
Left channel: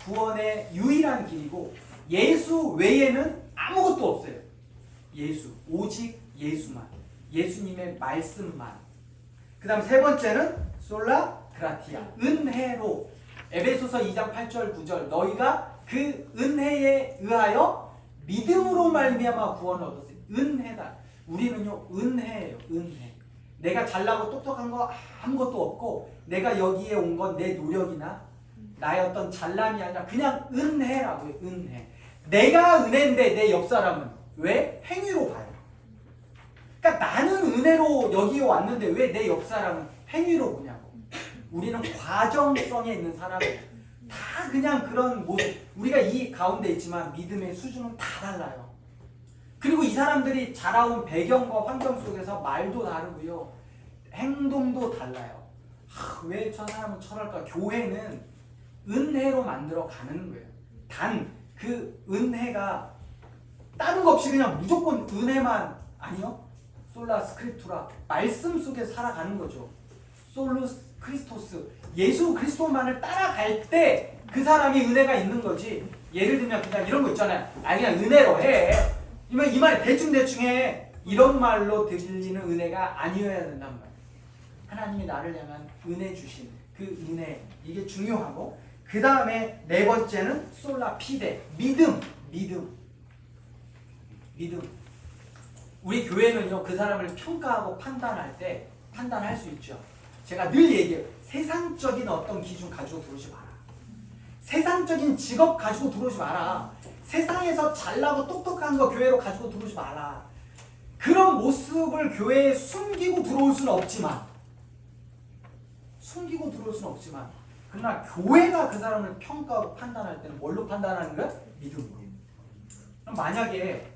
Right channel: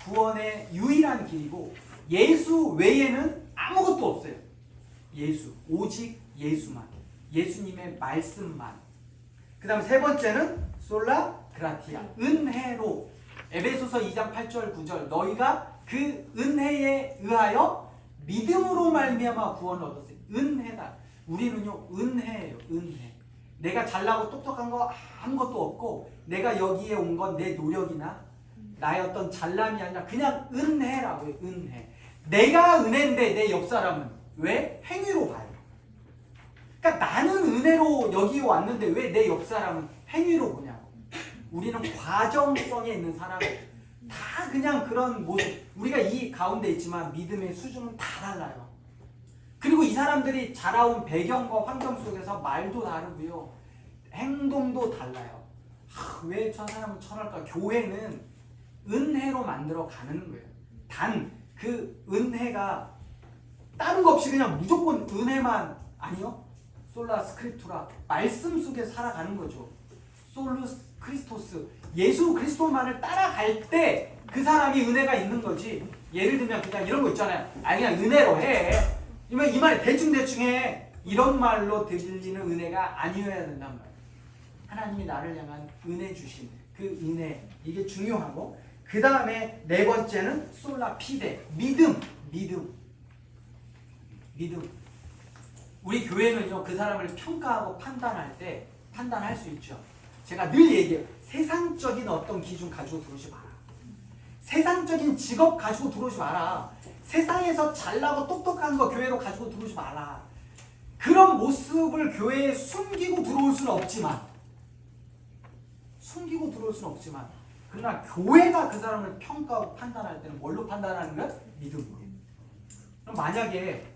구원의 유일한 길이고 예수 외에는 아무것도 없어요. 예수, 오직 예수만, 예수님의 말씀만. 그 다음 세 번째는 솔라 그라티아, 은혜로. 에베소서 2장 8절 9절 너희가 그 은혜에 의하여 믿음으로 말미암아 구원을 얻었어요. 은혜다. 우리는요 은혜예요. 은혜. 내가 잘나고 똑똑한 거 아무것도 없고 내가 여기에 온 건 내 노력이나 나의 어떤 잘남이 아니라 그냥 은혜라고요. 은혜. 내가 은혜인데 내 옆 사람은 왜? 행위로 봐요. 그러니까 나는 은혜로 여기에 왔는데 왜 내 옆 사람은 행위로 보냐고. 우리는 과정성에 있는 사람이에요. 다 그냥 그런 모습. 우리가 이 가운데 있지만 믿음의 수준은 다 달라요. 그리고 이 사람들이 자라온 배경과 환경 속에서 말도 다르고요. 행동도 달라요. 왜 저 사람은 저럴까? 교회는 은혜로 만들어 가는 거예요. 단 그 은혜가 다른 거 없이 그냥 무조건 은혜만 아니요. 솔라 스크립투라 말씀 속에 살아가는 거죠. 솔루스 크리스토스 예수 그리스도만을 따라갈 때 그 사람이 은혜가 있는 거지. 예를 들면 그냥 이런 거 있잖아요. 그냥 은혜로 해. 이 말에 대충 해. 이런 말로 들리는 은혜가 아니어야 된단 말이에요. 하나님이 나를 향한 은혜 주신 그 은혜, 이게 중요하고, 그 다음에 네 번째는 솔라 피데, 믿음. 우리 교회는요 그 사람을 평가하고 판단할 수 있죠. 제가 늘 얘기해요. 세상적인 어떤 기준 가지고 들어오지 마라. 세상적인 직업 가지고 들어오지 마라. 세상에서 잘나고 똑똑한 거 교회로 가지고 들어오지 마라. 그런 모습을 교회에 숨기고 들어올 수는 없지만 그러나 교회가 그 사람을 평가하고 판단할 때는 뭘로 판단하는 거야? 믿음으로. 그럼 만약에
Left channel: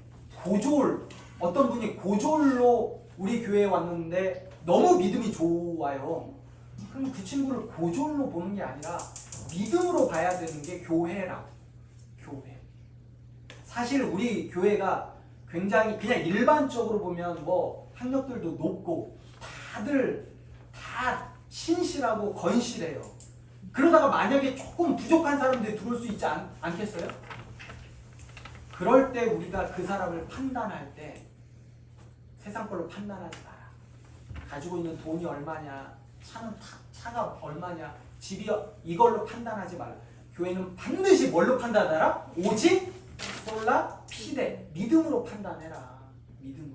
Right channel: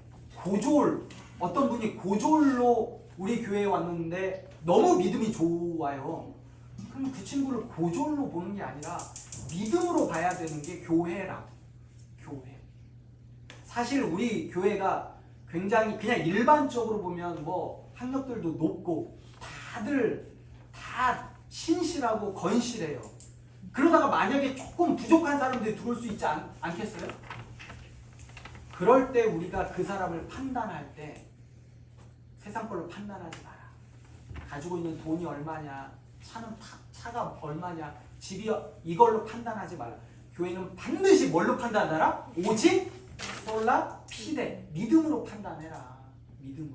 어떤 분이 고졸로 우리 교회에 왔는데 너무 믿음이 좋아요. 그럼 그 친구를 고졸로 보는 게 아니라 믿음으로 봐야 되는 게 교회라고. 교회. 사실 우리 교회가 굉장히 그냥 일반적으로 보면 뭐 학력들도 높고 다들 다 신실하고 건실해요. 그러다가 만약에 조금 부족한 사람들이 들어올 수 있지 않겠어요? 그럴 때 우리가 그 사람을 판단할 때 세상 걸로 판단하지 마라. 가지고 있는 돈이 얼마냐, 차가 얼마냐, 집이 이걸로 판단하지 말라. 교회는 반드시 뭘로 판단하라? 오직 솔라 피데, 믿음으로 판단해라. 믿음으로.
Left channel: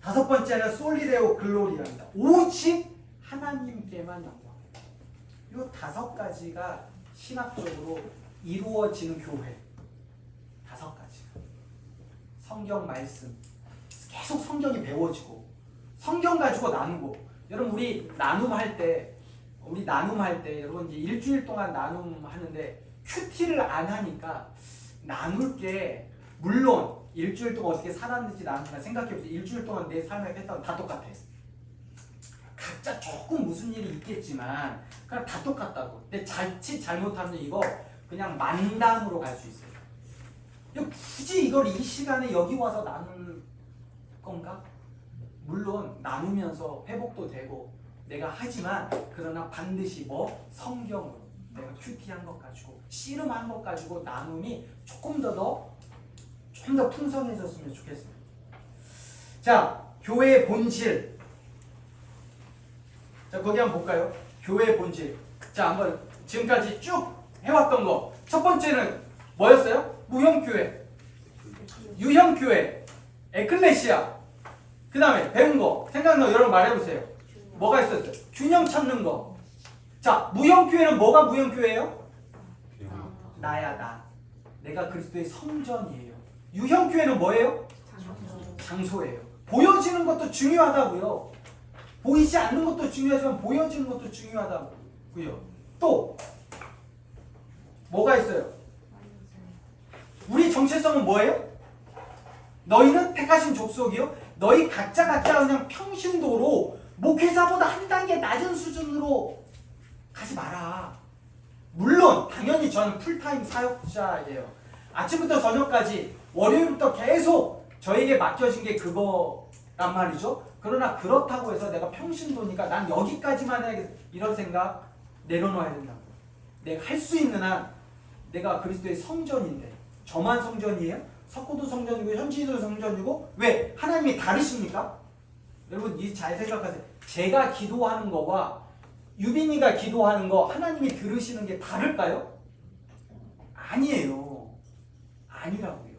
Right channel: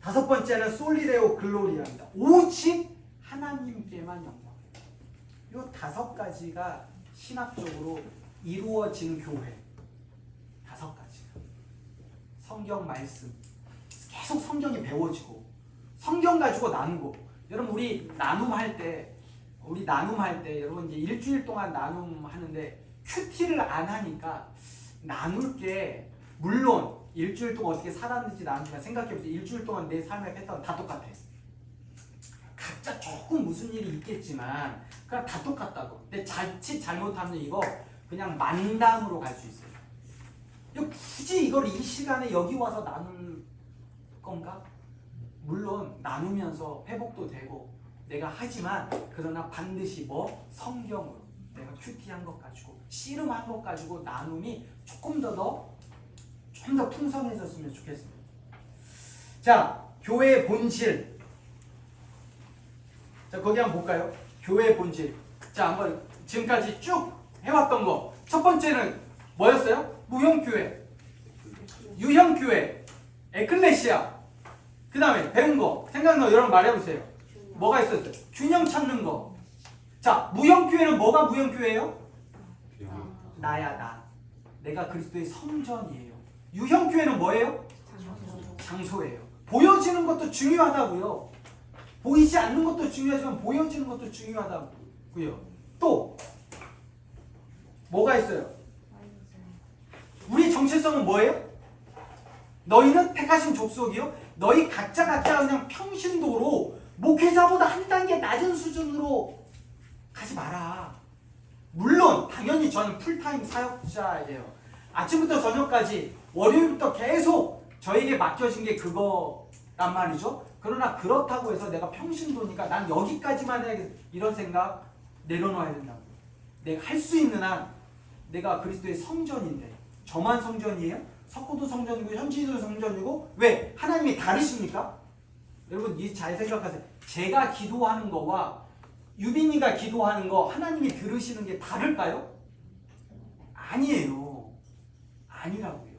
다섯 번째는 솔리데오 글로리아입니다. 오직 하나님께만 영광. 이 5가지가 신학적으로 이루어지는 교회. 5가지가. 성경 말씀. 계속 성경이 배워지고 성경 가지고 나누고. 여러분 우리 나눔할 때 여러분 이제 일주일 동안 나눔하는데 큐티를 안 하니까 나눌 게 물론 일주일 동안 어떻게 살았는지 나누니까 생각해보세요. 일주일 동안 내 삶의 패턴 다 똑같아. 각자 조금 무슨 일이 있겠지만 그냥 다 똑같다고. 근데 자칫 잘못하면 이거 그냥 만담으로 갈 수 있어요. 굳이 이걸 이 시간에 여기 와서 나눌 건가? 물론 나누면서 회복도 되고 내가 하지만 그러나 반드시 뭐 성경으로 내가 큐티한 것 가지고 씨름한 것 가지고 나눔이 조금 좀 더 풍성해졌으면 좋겠습니다. 자, 교회의 본질. 자, 거기 한번 볼까요? 교회의 본질. 자, 한번 지금까지 쭉 해왔던 거. 첫 번째는 뭐였어요? 무형교회, 유형교회, 에클레시아. 그 다음에 배운 거 생각나 여러분 말해보세요. 뭐가 있었어요? 균형 찾는 거. 자, 무형교회는 뭐가 무형교회예요? 나야 나. 내가 그리스도의 성전이에요. 유형교회는 뭐예요? 장소예요. 보여지는 것도 중요하다고요. 보이지 않는 것도 중요하지만 보여지는 것도 중요하다고요. 또 뭐가 있어요? 우리 정체성은 뭐예요? 너희는 택하신 족속이요. 너희 각자 그냥 평신도로 목회자보다 한 단계 낮은 수준으로 가지 마라. 물론 당연히 저는 풀타임 사역자예요. 아침부터 저녁까지 월요일부터 계속 저에게 맡겨진 게 그거란 말이죠. 그러나 그렇다고 해서 내가 평신도니까 난 여기까지만 해야겠다 이런 생각 내려놓아야 된다고. 내가 할 수 있는 한 내가 그리스도의 성전인데 저만 성전이에요? 석고도 성전이고 현지도 성전이고 왜? 하나님이 다르십니까? 여러분 이 잘 생각하세요. 제가 기도하는 거와 유빈이가 기도하는 거 하나님이 들으시는 게 다를까요? 아니에요. 아니라고요.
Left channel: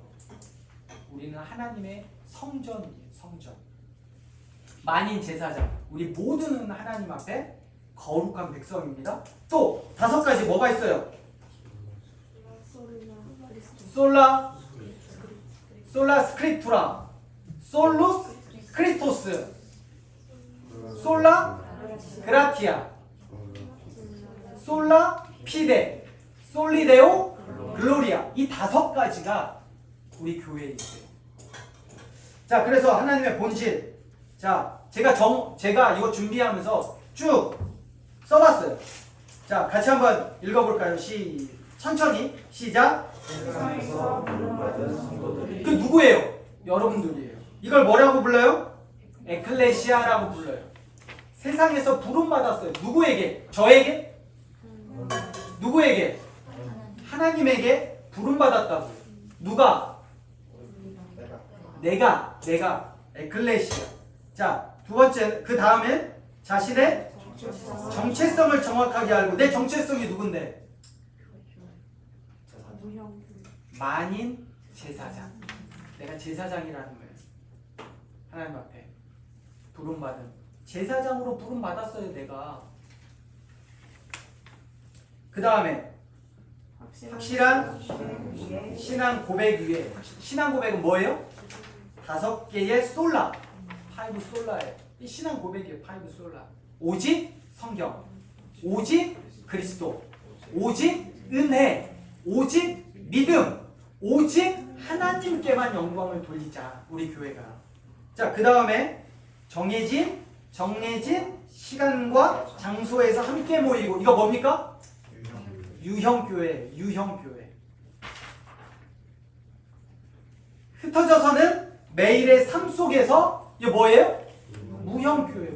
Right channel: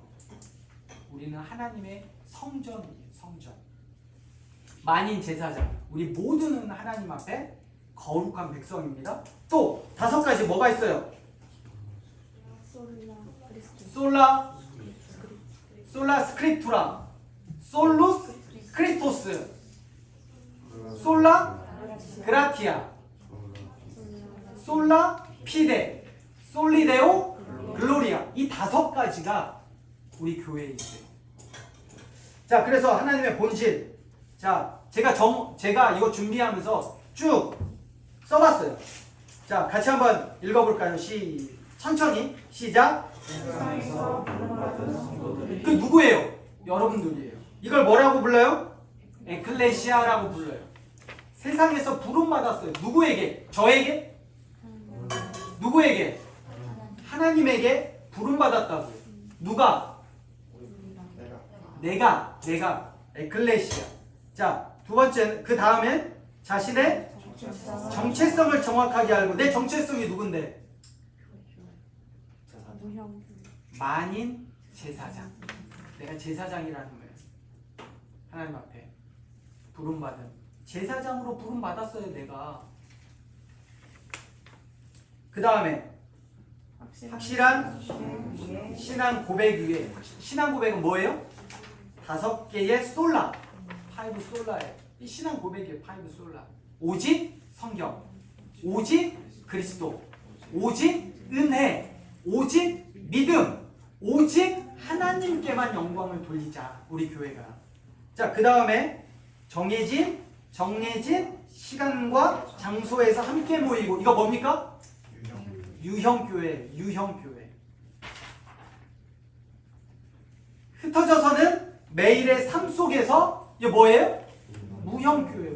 우리는 하나님의 성전이에요. 성전. 만인 제사장. 우리 모두는 하나님 앞에 거룩한 백성입니다. 또 5가지 뭐가 있어요? 솔라 스크립투라, 솔루스 크리스토스, 솔라 그라티아, 솔라 피데, 솔리데오 글로리아. 이 5가지가 우리 교회에 있어요. 자, 그래서 하나님의 본질. 자, 제가 이거 준비하면서 쭉 써봤어요. 자, 같이 한번 읽어볼까요? 천천히 시작. 세상에서 부름받은 성도들이 그 누구예요? 여러분들이에요. 이걸 뭐라고 불러요? 에클레시아라고 불러요. 세상에서 부름받았어요. 누구에게? 저에게? 누구에게? 하나님에게 부름받았다고요. 누가? 내가 에클레시아. 자, 2번째 그 다음엔 자신의 정체성을 정확하게 알고. 내 정체성이 누군데? 만인 제사장. 내가 제사장이라는 거예요. 하나님 앞에 부름받은 제사장으로 부름받았어요. 내가. 그 다음에 확실한 신앙 고백 위에. 신앙 고백은 뭐예요? 5개의 솔라. 5 솔라예요. 이 신앙 고백이에요. 5 솔라. 오직 성경, 오직 그리스도, 오직 은혜, 오직 믿음, 오직 하나님께만 영광을 돌리자. 우리 교회가. 자, 그 다음에 정해진 시간과 장소에서 함께 모이고. 이거 뭡니까? 유형교회. 흩어져서는 매일의 삶 속에서 이게 뭐예요? 무형교회.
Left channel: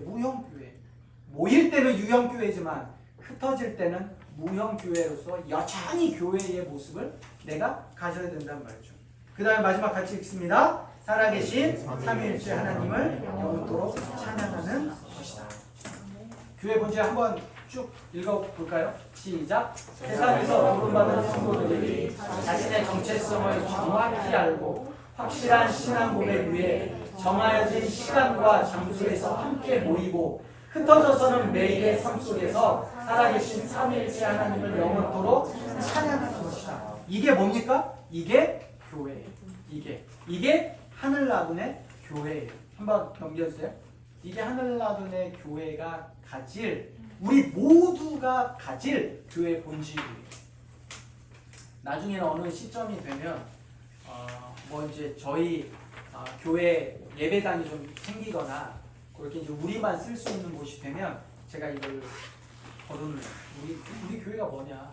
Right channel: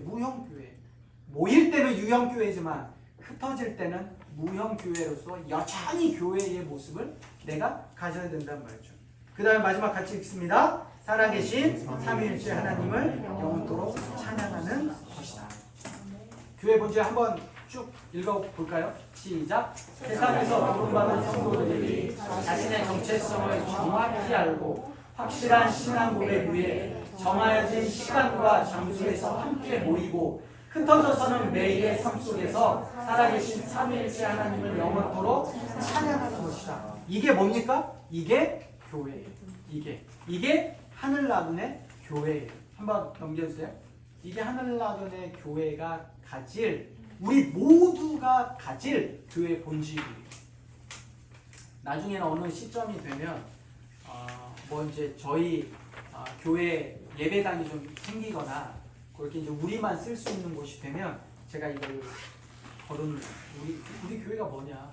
모일 때는 유형교회지만 흩어질 때는 무형교회로서 여전히 교회의 모습을 내가 가져야 된다는 말이죠. 그 다음에 마지막 같이 읽습니다. 살아계신 삼위일체 하나님을 영원토록 찬양하는 것이다. 교회 본질 한번 쭉 읽어볼까요? 시작. 세상에서 부름받은 성도들이 자신의 정체성을 정확히 알고 확실한 신앙 고백 위에 정해진 시간과 장소에서 함께 모이고 흩어져서는 매일의 삶 속에서 살아계신 삼위일체 하나님을 영원토록 찬양하는 것이다. 이게 뭡니까? 이게 교회예요. 이게 하늘나둔의 교회예요. 한번 넘겨주세요. 이게 하늘나둔의 교회가 가질, 우리 모두가 가질 교회 본질이에요. 나중에는 어느 시점이 되면 이제 저희 교회 예배당이 좀 생기거나 그렇게 이제 우리만 쓸 수 있는 곳이 되면 제가 이걸 거론을 우리 교회가 뭐냐,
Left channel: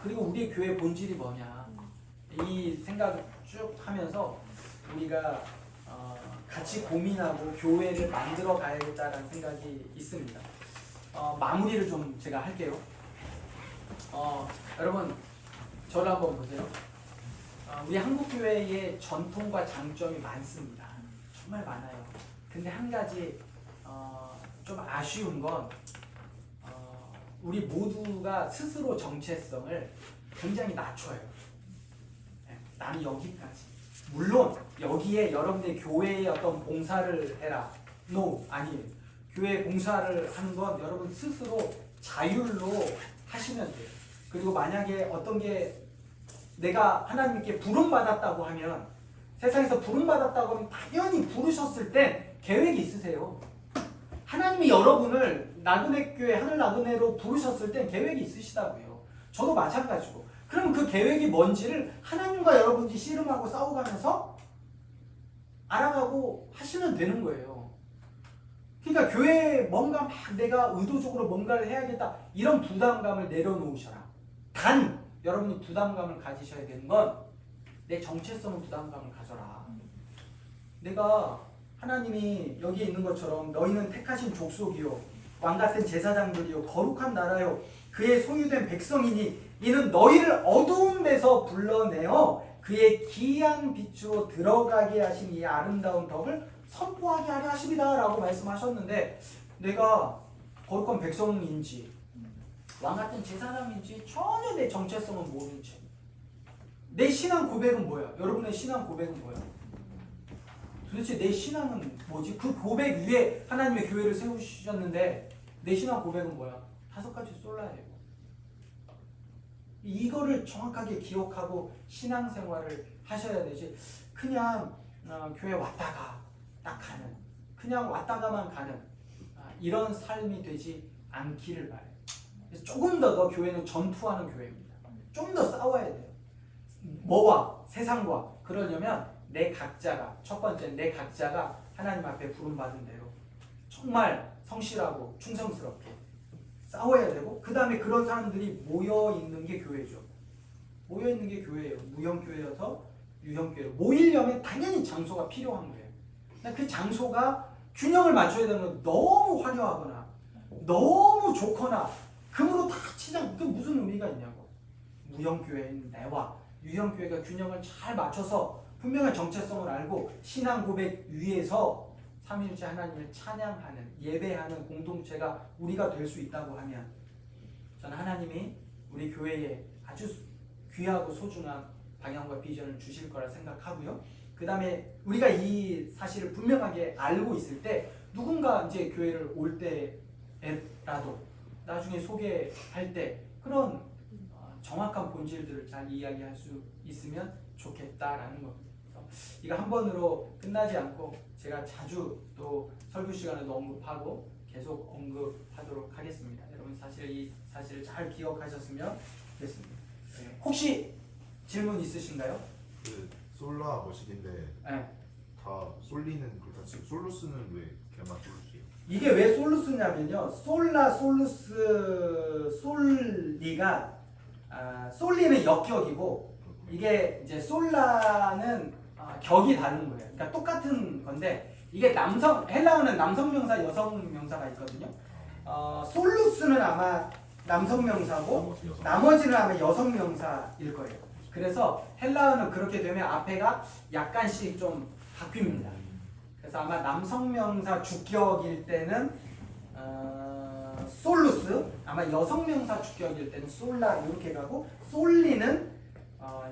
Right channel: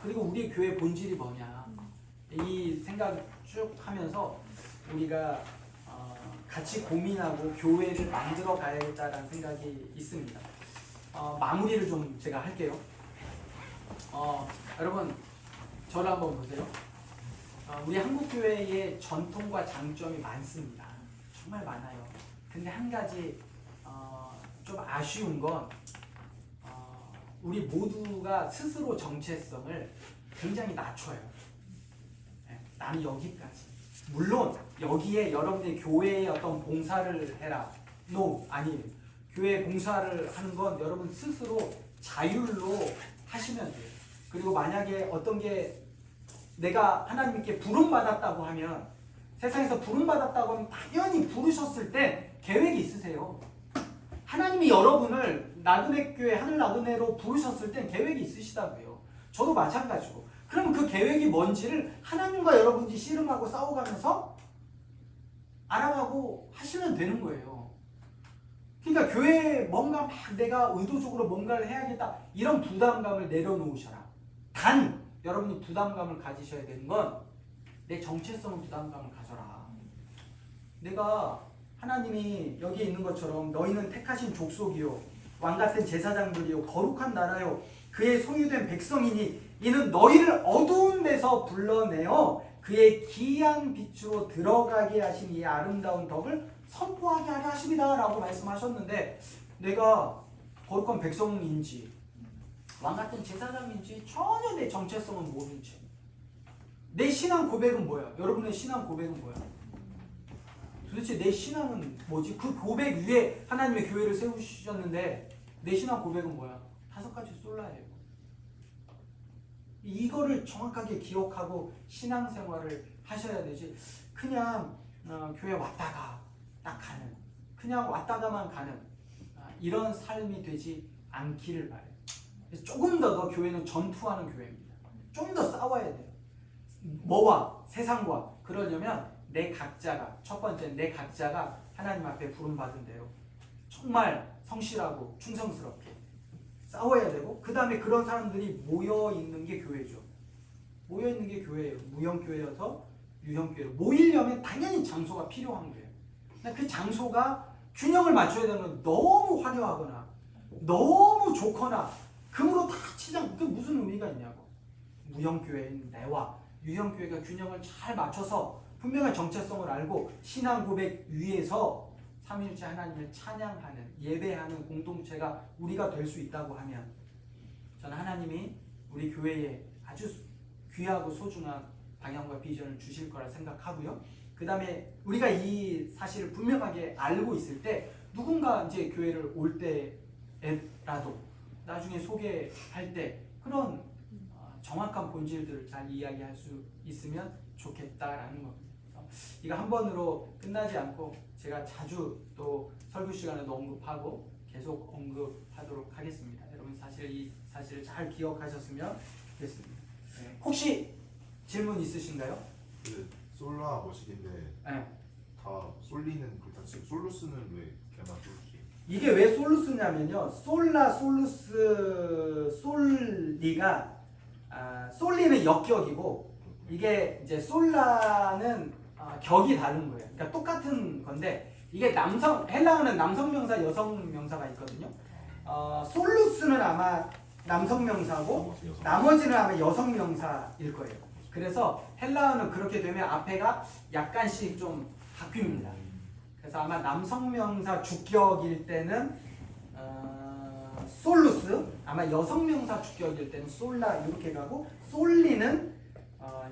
그리고 우리 교회 본질이 뭐냐, 이 생각 쭉 하면서 우리가 같이 고민하고 교회를 만들어 가야겠다라는 생각이 있습니다. 마무리를 좀 제가 할게요. 여러분 저를 한번 보세요. 우리 한국교회의 전통과 장점이 많습니다. 정말 많아요. 근데 한 가지 좀 아쉬운 건 우리 모두가 스스로 정체성을 굉장히 낮춰요. 네, 나는 여기까지. 물론 여기에 여러분들이 교회에 어떤 봉사를 해라. No, 아니에요. 교회 봉사를 하는 건 여러분 스스로 자율로 하시면 돼요. 그리고 만약에 어떤 게 내가 하나님께 부름받았다고 하면, 세상에서 부름받았다고 하면 당연히 부르셨을 때 계획이 있으세요. 하나님이 여러분을 나그네 교회 하늘 나그네로 부르셨을 땐 계획이 있으시다고요. 저도 마찬가지고. 그럼 그 계획이 뭔지를 하나님과 여러분이 씨름하고 싸워가면서 알아가고 하시면 되는 거예요. 그러니까 교회에 뭔가 막 내가 의도적으로 뭔가를 해야겠다 이런 부담감을 내려놓으셔라. 단 여러분이 부담감을 가지셔야 되는 건 내 정체성을 부담감을 가져라. 내가 하나님이 여기에 있는 것처럼 너희는 택하신 족속이요 왕같은 제사장들이요 거룩한 나라요 그의 소유된 백성이니 이는 너희를 어두운 데서 불러내어 그의 기이한 빛으로 들어가게 하신 이 아름다운 덕을 선포하게 하려 하십니다 라고 말씀하셨는데, 내가 거룩한 백성인지 왕같은 제사장인지 전혀 내 정체성은 모르는 채 내 신앙 고백은 뭐예요? 여러분의 신앙 고백은 뭐예요? 도대체 내 신앙은 뭐지? 그 고백 위에 하나님의 교회를 세우셨는데 내 신앙 고백은 뭐야? 5가지 솔라예요. 이거를 정확하게 기억하고 신앙생활을 하셔야 되지, 그냥 교회 왔다가 딱 가는, 그냥 왔다가만 가는 이런 삶이 되지 않기를 바래요. 그래서 조금 더 교회는 전투하는 교회입니다. 좀 더 싸워야 돼요. 뭐와? 세상과. 그러려면 내 각자가, 첫 번째 내 각자가 하나님 앞에 부름받은 대로 정말 성실하고 충성스럽게 싸워야 되고, 그 다음에 그런 사람들이 모여있는 게 교회죠. 모여있는 게 교회예요. 무형교회여서 유형교회로 모이려면 당연히 장소가 필요한 거예요. 그 장소가 균형을 맞춰야 되는 건 너무 화려하거나 너무 좋거나 금으로 다 치장, 그 무슨 의미가 있냐고. 무형교회인 내와 유형교회가 균형을 잘 맞춰서 분명한 정체성을 알고 신앙 고백 위에서 삼위일체 하나님을 찬양하는, 예배하는 공동체가 우리가 될 수 있다고 하면, 저는 하나님이 우리 교회에 아주 귀하고 소중한 방향과 비전을 주실 거라 생각하고요. 그 다음에 우리가 이 사실을 분명하게 알고 있을 때 누군가 이제 교회를 올 때라도 나중에 소개할 때 그런 정확한 본질들을 잘 이야기할 수 있으면 좋겠다라는 겁니다. 이거 한 번으로 끝나지 않고 제가 자주 또 설교 시간에도 언급하고 계속 언급하도록 하겠습니다. 여러분 사실 이 사실을 잘 기억하셨으면 좋겠습니다. 혹시 질문 있으신가요? 그 솔라 머시기인데 네. 다 솔리는 그렇다 치고 솔루스는 왜 걔만 솔루스예요? 이게 왜 솔루스냐면요. 솔라, 솔루스, 솔리가 솔리는 역격이고 이게 이제 솔라는 격이 다른 거예요. 그러니까 똑같은 건데 이게 헬라어는 남성 명사, 여성 명사가 있거든요. 솔루스는 아마 남성 명사고 나머지는 아마 여성 명사일 거예요. 그래서 헬라어는 그렇게 되면 앞에가 약간씩 좀 바뀝니다. 그래서 아마 남성 명사 주격일 때는 솔루스, 아마 여성 명사 주격일 때는 솔라 이렇게 가고, 솔리는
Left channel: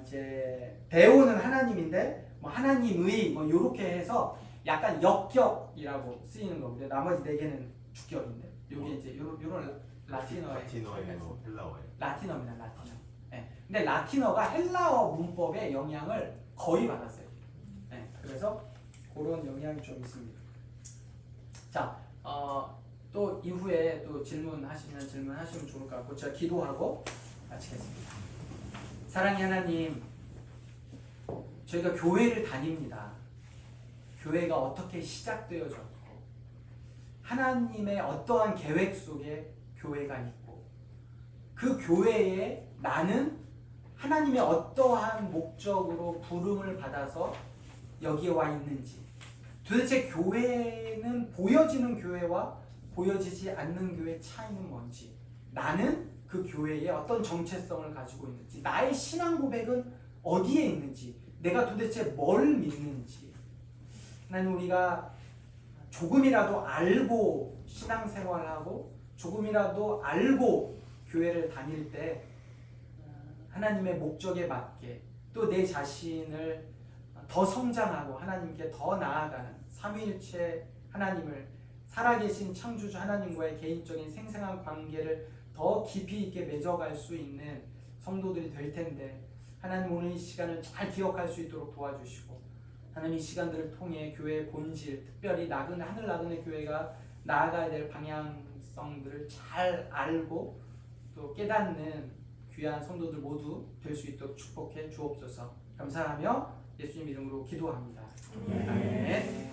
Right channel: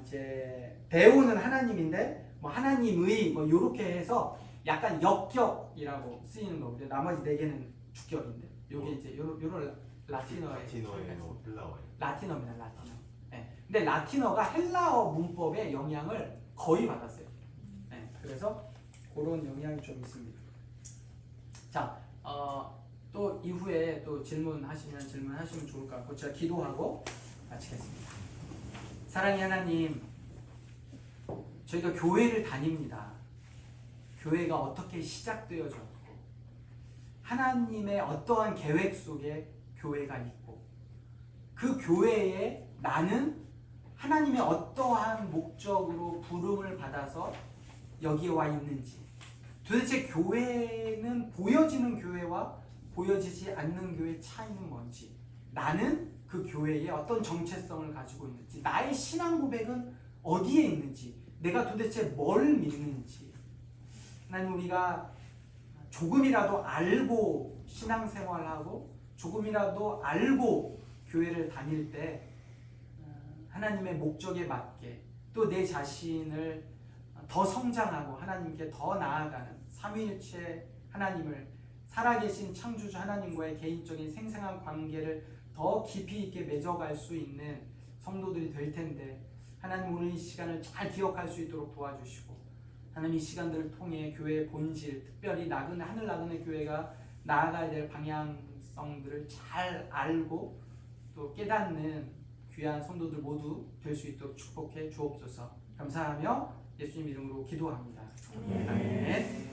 이제 대오는 하나님인데 뭐 하나님의 뭐 이렇게 해서 약간 역격이라고 쓰이는 거고요. 나머지 4개는 주격인데 요게 이제 요런 라틴어예요, 헬라어예요? 라틴어입니다. 라틴어. 네. 근데 라틴어가 헬라어 문법의 영향을 거의 받았어요. 네. 그래서 그런 영향이 좀 있습니다. 자, 또 이후에 또 질문하시면 좋을 것 같고 제가 기도하고 마치겠습니다. 사랑의 하나님, 저희가 교회를 다닙니다. 교회가 어떻게 시작되어졌고 하나님의 어떠한 계획 속에 교회가 있고 그 교회에 나는 하나님의 어떠한 목적으로 부름을 받아서 여기에 와 있는지, 도대체 교회는 보여지는 교회와 보여지지 않는 교회의 차이는 뭔지, 나는 그 교회에 어떤 정체성을 가지고 있는지, 나의 신앙 고백은 어디에 있는지, 내가 도대체 뭘 믿는지. 하나님, 우리가 조금이라도 알고 신앙생활하고 조금이라도 알고 교회를 다닐 때 하나님의 목적에 맞게 또 내 자신을 더 성장하고 하나님께 더 나아가는 삼위일체 하나님을, 살아계신 창조주 하나님과의 개인적인 생생한 관계를 더 깊이 있게 맺어갈 수 있는 성도들이 될 텐데, 하나님 오늘 이 시간을 잘 기억할 수 있도록 도와주시고, 하나님 이 시간들을 통해 교회의 본질, 특별히 하늘 나그네 교회가 나아가야 될 방향성들을 잘 알고 또 깨닫는 귀한 성도들 모두 될 수 있도록 축복해 주옵소서. 감사하며 예수님 이름으로 기도합니다. 아멘.